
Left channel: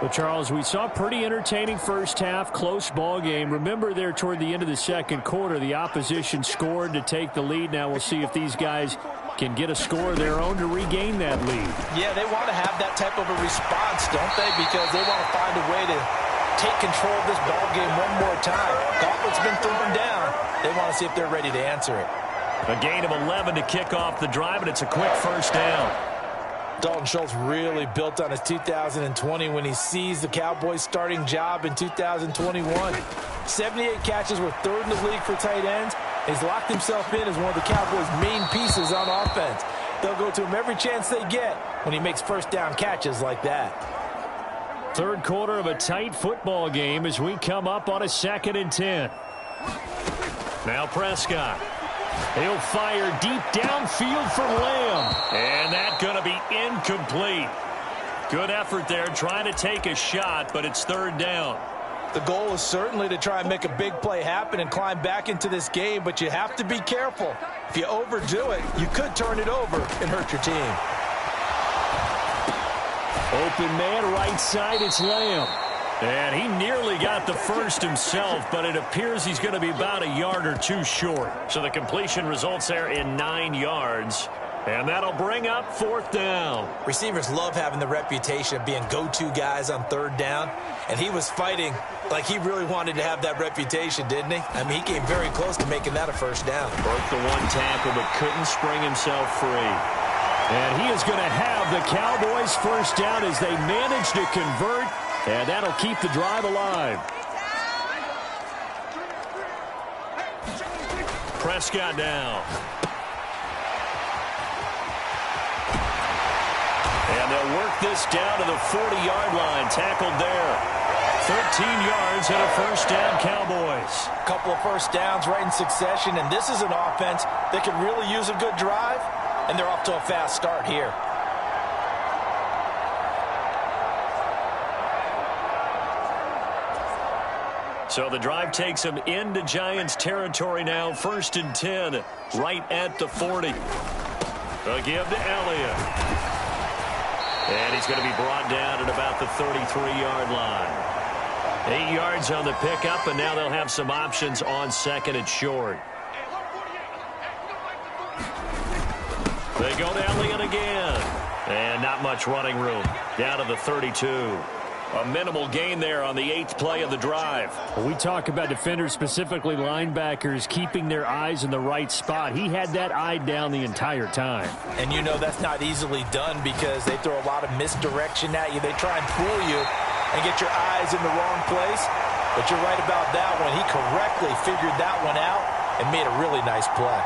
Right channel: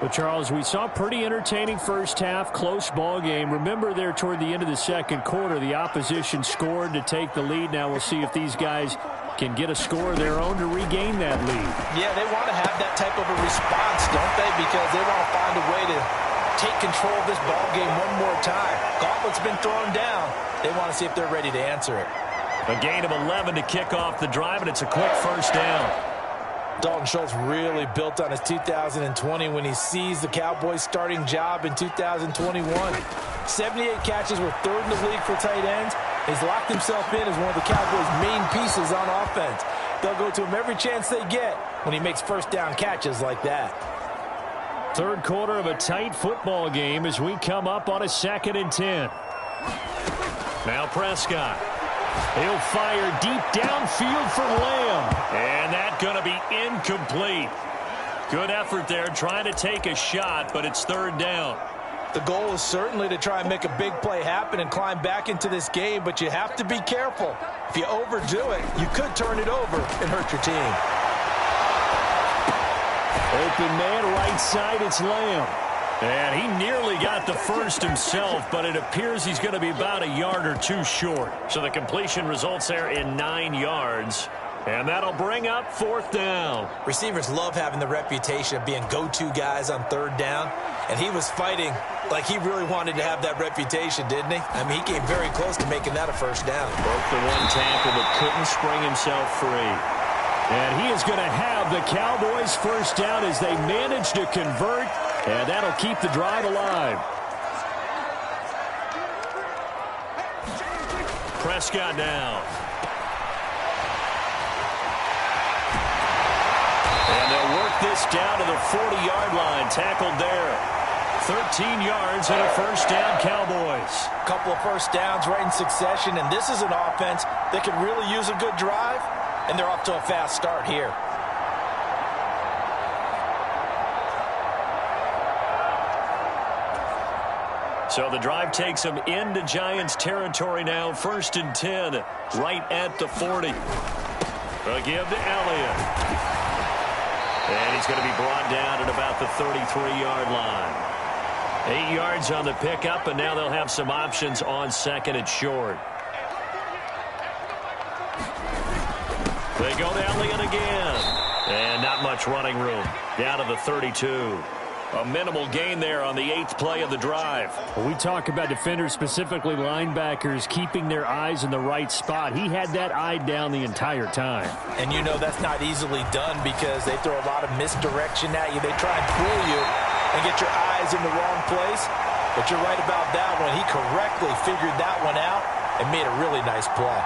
But, Charles, we saw a pretty entertaining first half, close ball game. Remember there toward the end of the second quarter, the opposition scored to take the lead. Now we'll see if these guys can get a score of their own to regain that lead. Yeah, they want to have that type of a response, don't they? Because they want to find a way to take control of this ball game one more time. Gauntlet's been thrown down. They want to see if they're ready to answer it. A gain of 11 to kick off the drive, and it's a quick first down. Dalton Schultz really built on his 2020 when he seized the Cowboys' starting job in 2021. 78 catches were third in the league for tight ends. He's locked himself in as one of the Cowboys' main pieces on offense. They'll go to him every chance they get when he makes first down catches like that. Third quarter of a tight football game as we come up on a 2nd and 10. Now Prescott. He'll fire deep downfield for Lamb. And that's going to be incomplete. Good effort there trying to take a shot, but it's third down. The goal is certainly to try and make a big play happen and climb back into this game, but you have to be careful. If you overdo it, you could turn it over and hurt your team. Open man right side, it's Lamb. And he nearly got the first himself, but it appears he's going to be about a yard or two short. So the completion results there in 9 yards. And that'll bring up fourth down. Receivers love having the reputation of being go-to guys on third down. And he was fighting like he really wanted to have that reputation, didn't he? I mean, he came very close to making that a first down. Broke the one tackle, but couldn't spring himself free. And he is going to have the Cowboys first down as they manage to convert. And that'll keep the drive alive. Prescott down. And they'll work this down to the 40-yard line. Tackled there. 13 yards and a first down, Cowboys. A couple of first downs right in succession, and this is an offense that could really use a good drive, and they're off to a fast start here. So the drive takes them into Giants territory now. 1st and 10, right at the 40. A give to Elliott. And he's going to be brought down at about the 33-yard line. 8 yards on the pickup, and now they'll have some options on 2nd and short. They go to Elliott again. And not much running room. Down to the 32. A minimal gain there on the 8th play of the drive. When we talk about defenders, specifically linebackers, keeping their eyes in the right spot. He had that eye down the entire time. And you know that's not easily done because they throw a lot of misdirection at you. They try and fool you and get your eyes in the wrong place. But you're right about that one. He correctly figured that one out and made a really nice play.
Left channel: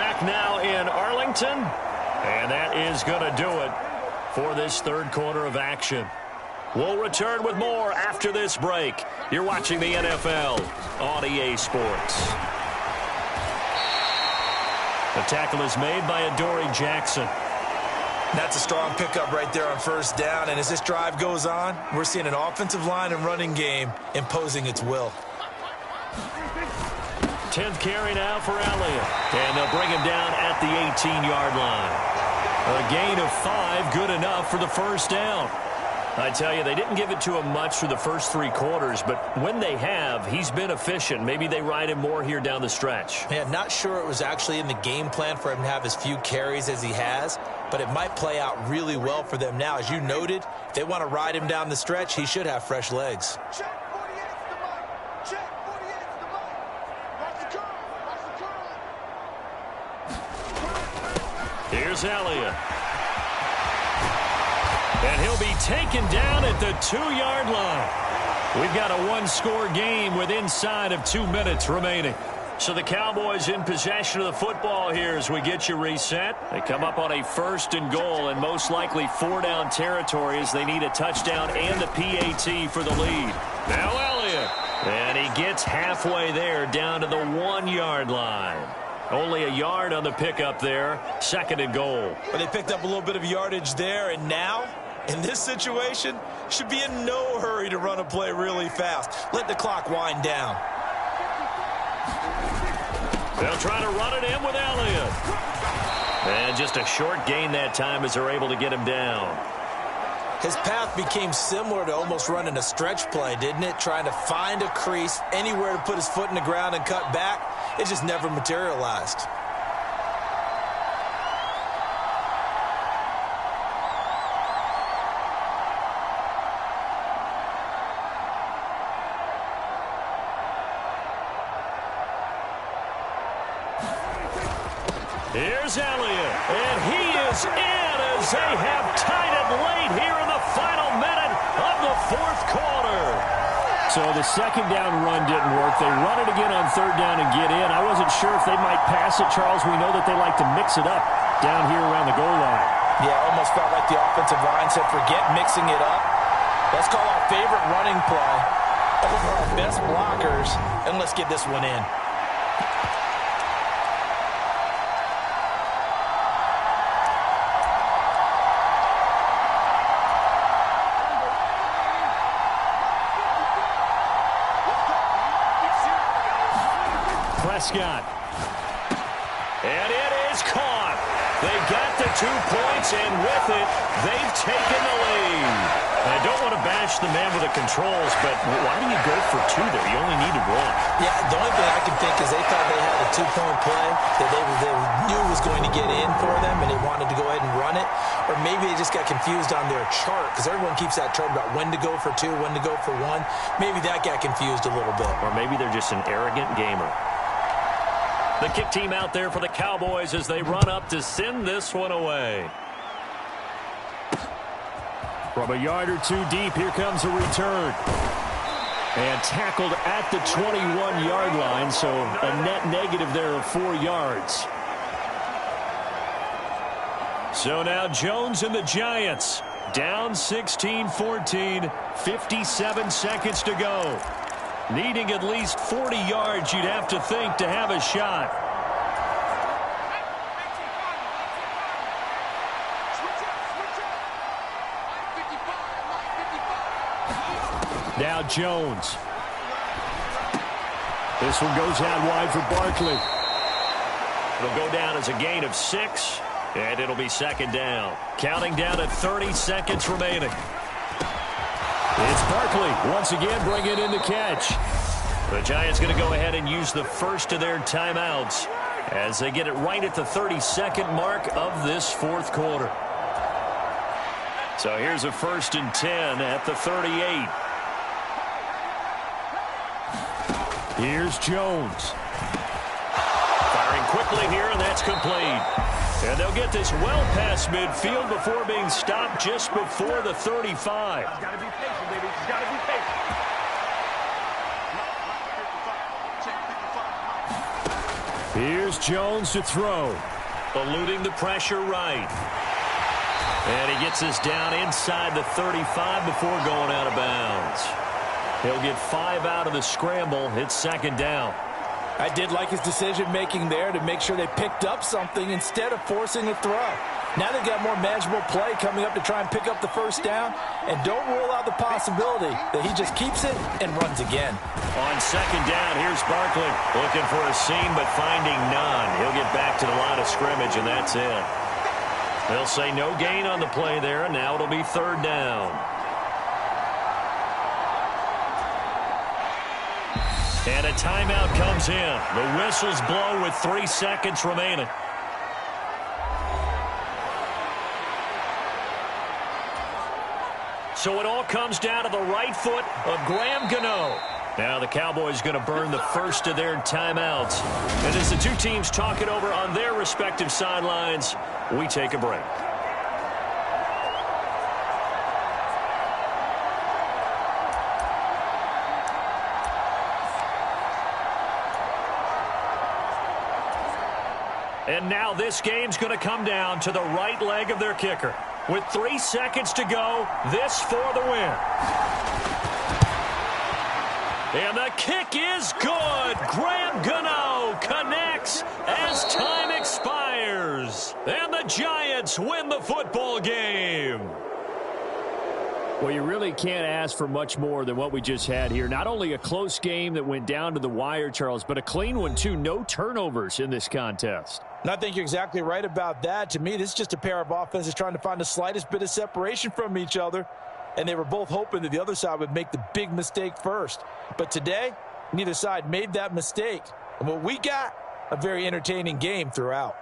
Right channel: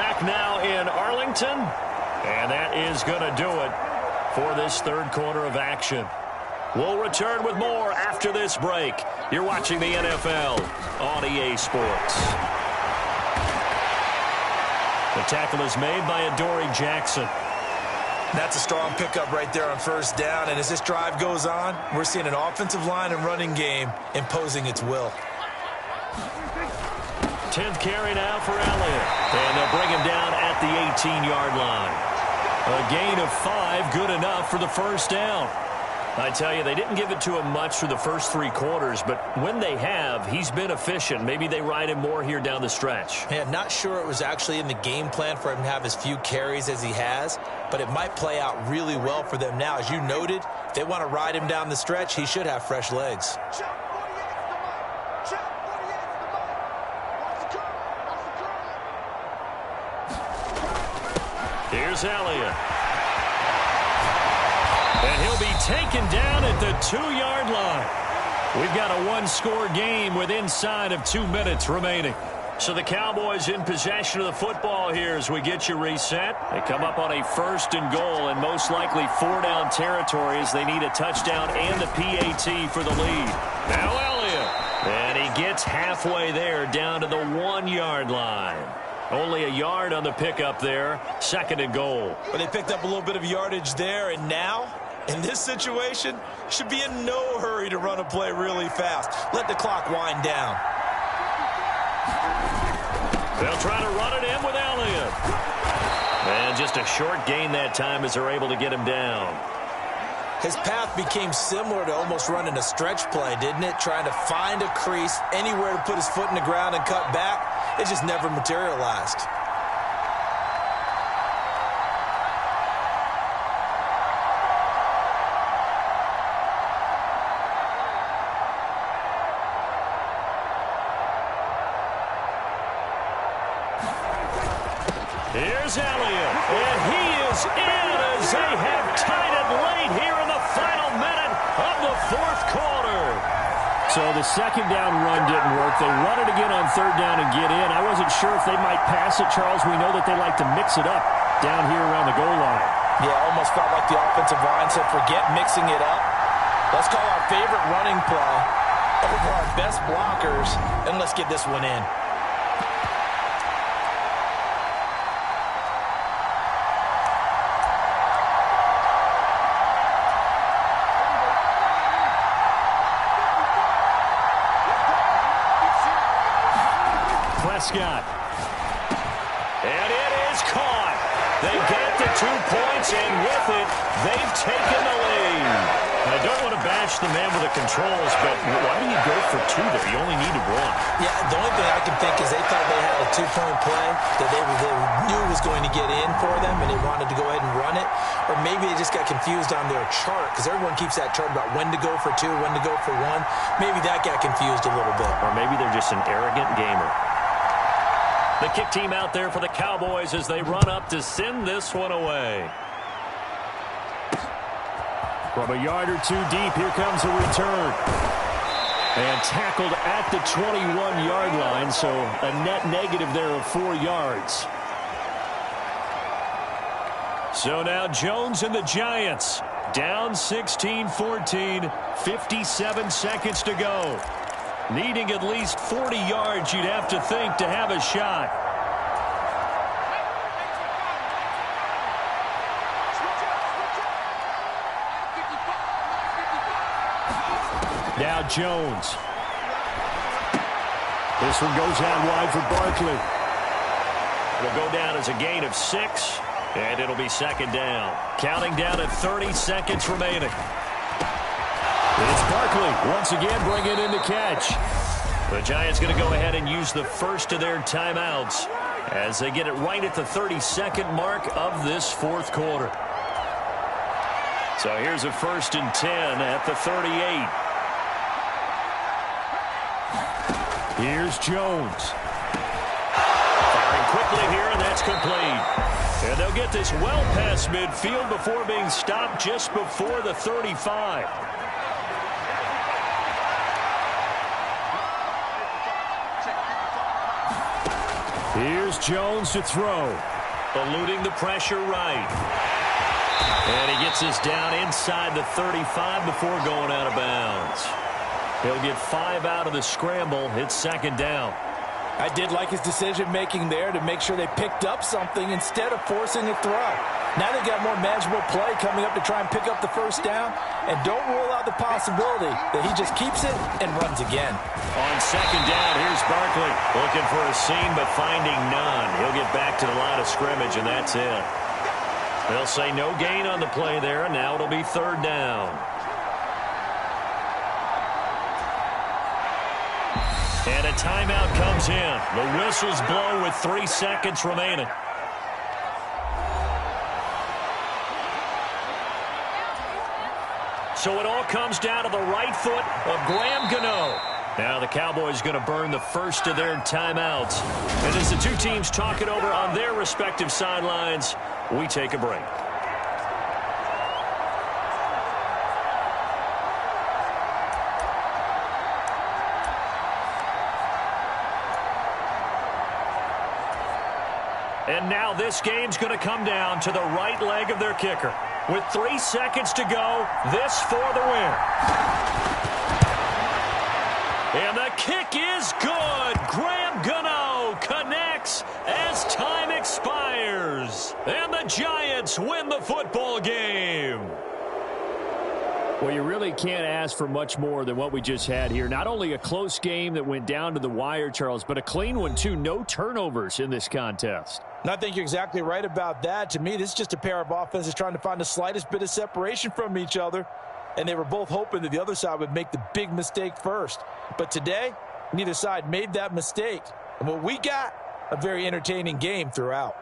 Back now in Arlington. And that is going to do it for this third quarter of action. We'll return with more after this break. You're watching the NFL on EA Sports. The tackle is made by Adoree Jackson. That's a strong pickup right there on first down. And as this drive goes on, we're seeing an offensive line and running game imposing its will. 10th carry now for Elliott. And they'll bring him down at the 18-yard line. A gain of 5, good enough for the first down. I tell you, they didn't give it to him much for the first 3 quarters, but when they have, he's been efficient. Maybe they ride him more here down the stretch. Yeah, not sure it was actually in the game plan for him to have as few carries as he has, but it might play out really well for them now. As you noted, if they want to ride him down the stretch, he should have fresh legs. Check 48's the mic. Check 48's the mic. Watch the curl. Watch the curl. Here's Elliott. And he'll be taken down at the 2-yard line. We've got a 1-score game with inside of 2 minutes remaining. So the Cowboys in possession of the football here as we get you reset. They come up on a 1st and goal and most likely 4-down territory as they need a touchdown and the PAT for the lead. Now Elliott. And he gets halfway there down to the 1-yard line. Only a yard on the pickup there. 2nd and goal. But they picked up a little bit of yardage there, and now, in this situation, should be in no hurry to run a play really fast. Let the clock wind down. They'll try to run it in with Elliott. And just a short gain that time as they're able to get him down. His path became similar to almost running a stretch play, didn't it? Trying to find a crease, anywhere to put his foot in the ground and cut back. It just never materialized. Here's Elliott, and he is in as they have tied it late here in the final minute of the 4th quarter. So the 2nd down run didn't work. They run it again on 3rd down and get in. I wasn't sure if they might pass it, Charles. We know that they like to mix it up down here around the goal line. Yeah, almost felt like the offensive line said, forget mixing it up. Let's call our favorite running play over our best blockers, and let's get this one in. Prescott. And it is caught. They got the 2 points, and with it, they've taken the lead. I don't want to bash the man with the controls, but why do you go for 2 there? You only needed 1. Yeah, the only thing I can think is they thought they had a 2-point play that they knew was going to get in for them, and they wanted to go ahead and run it. Or maybe they just got confused on their chart, because everyone keeps that chart about when to go for 2, when to go for 1. Maybe that got confused a little bit. Or maybe they're just an arrogant gamer. The kick team out there for the Cowboys as they run up to send this one away. From a yard or 2 deep, here comes a return. And tackled at the 21-yard line, so a net negative there of 4 yards. So now Jones and the Giants down 16-14, 57 seconds to go. Needing at least 40 yards, you'd have to think, to have a shot. Now Jones. This one goes out wide for Barkley. It'll go down as a gain of 6, and it'll be 2nd down. Counting down at 30 seconds remaining. It's Barkley once again bringing in the catch. The Giants going to go ahead and use the first of their timeouts as they get it right at the 32nd mark of this 4th quarter. So here's a 1st and 10 at the 38. Here's Jones. Firing quickly here, and that's complete. And they'll get this well past midfield before being stopped just before the 35. Here's Jones to throw. Eluding the pressure right. And he gets this down inside the 35 before going out of bounds. He'll get 5 out of the scramble. It's 2nd down. I did like his decision-making there to make sure they picked up something instead of forcing a throw. Now they've got more manageable play coming up to try and pick up the first down, and don't rule out the possibility that he just keeps it and runs again. On second down, here's Barkley looking for a seam but finding none. He'll get back to the line of scrimmage, and that's it. They'll say no gain on the play there, and now it'll be third down. And a timeout comes in. The whistles blow with 3 seconds remaining. So it all comes down to the right foot of Graham Gano. Now the Cowboys going to burn the first of their timeouts. And as the two teams talk it over on their respective sidelines, we take a break. And now this game's going to come down to the right leg of their kicker. With 3 seconds to go, this for the win. And the kick is good. Graham Gano connects as time expires. And the Giants win the football game. Well, you really can't ask for much more than what we just had here. Not only a close game that went down to the wire, Charles, but a clean one, too. No turnovers in this contest. And I think you're exactly right about that. To me, this is just a pair of offenses trying to find the slightest bit of separation from each other. And they were both hoping that the other side would make the big mistake first. But today, neither side made that mistake. And what we got, a very entertaining game throughout.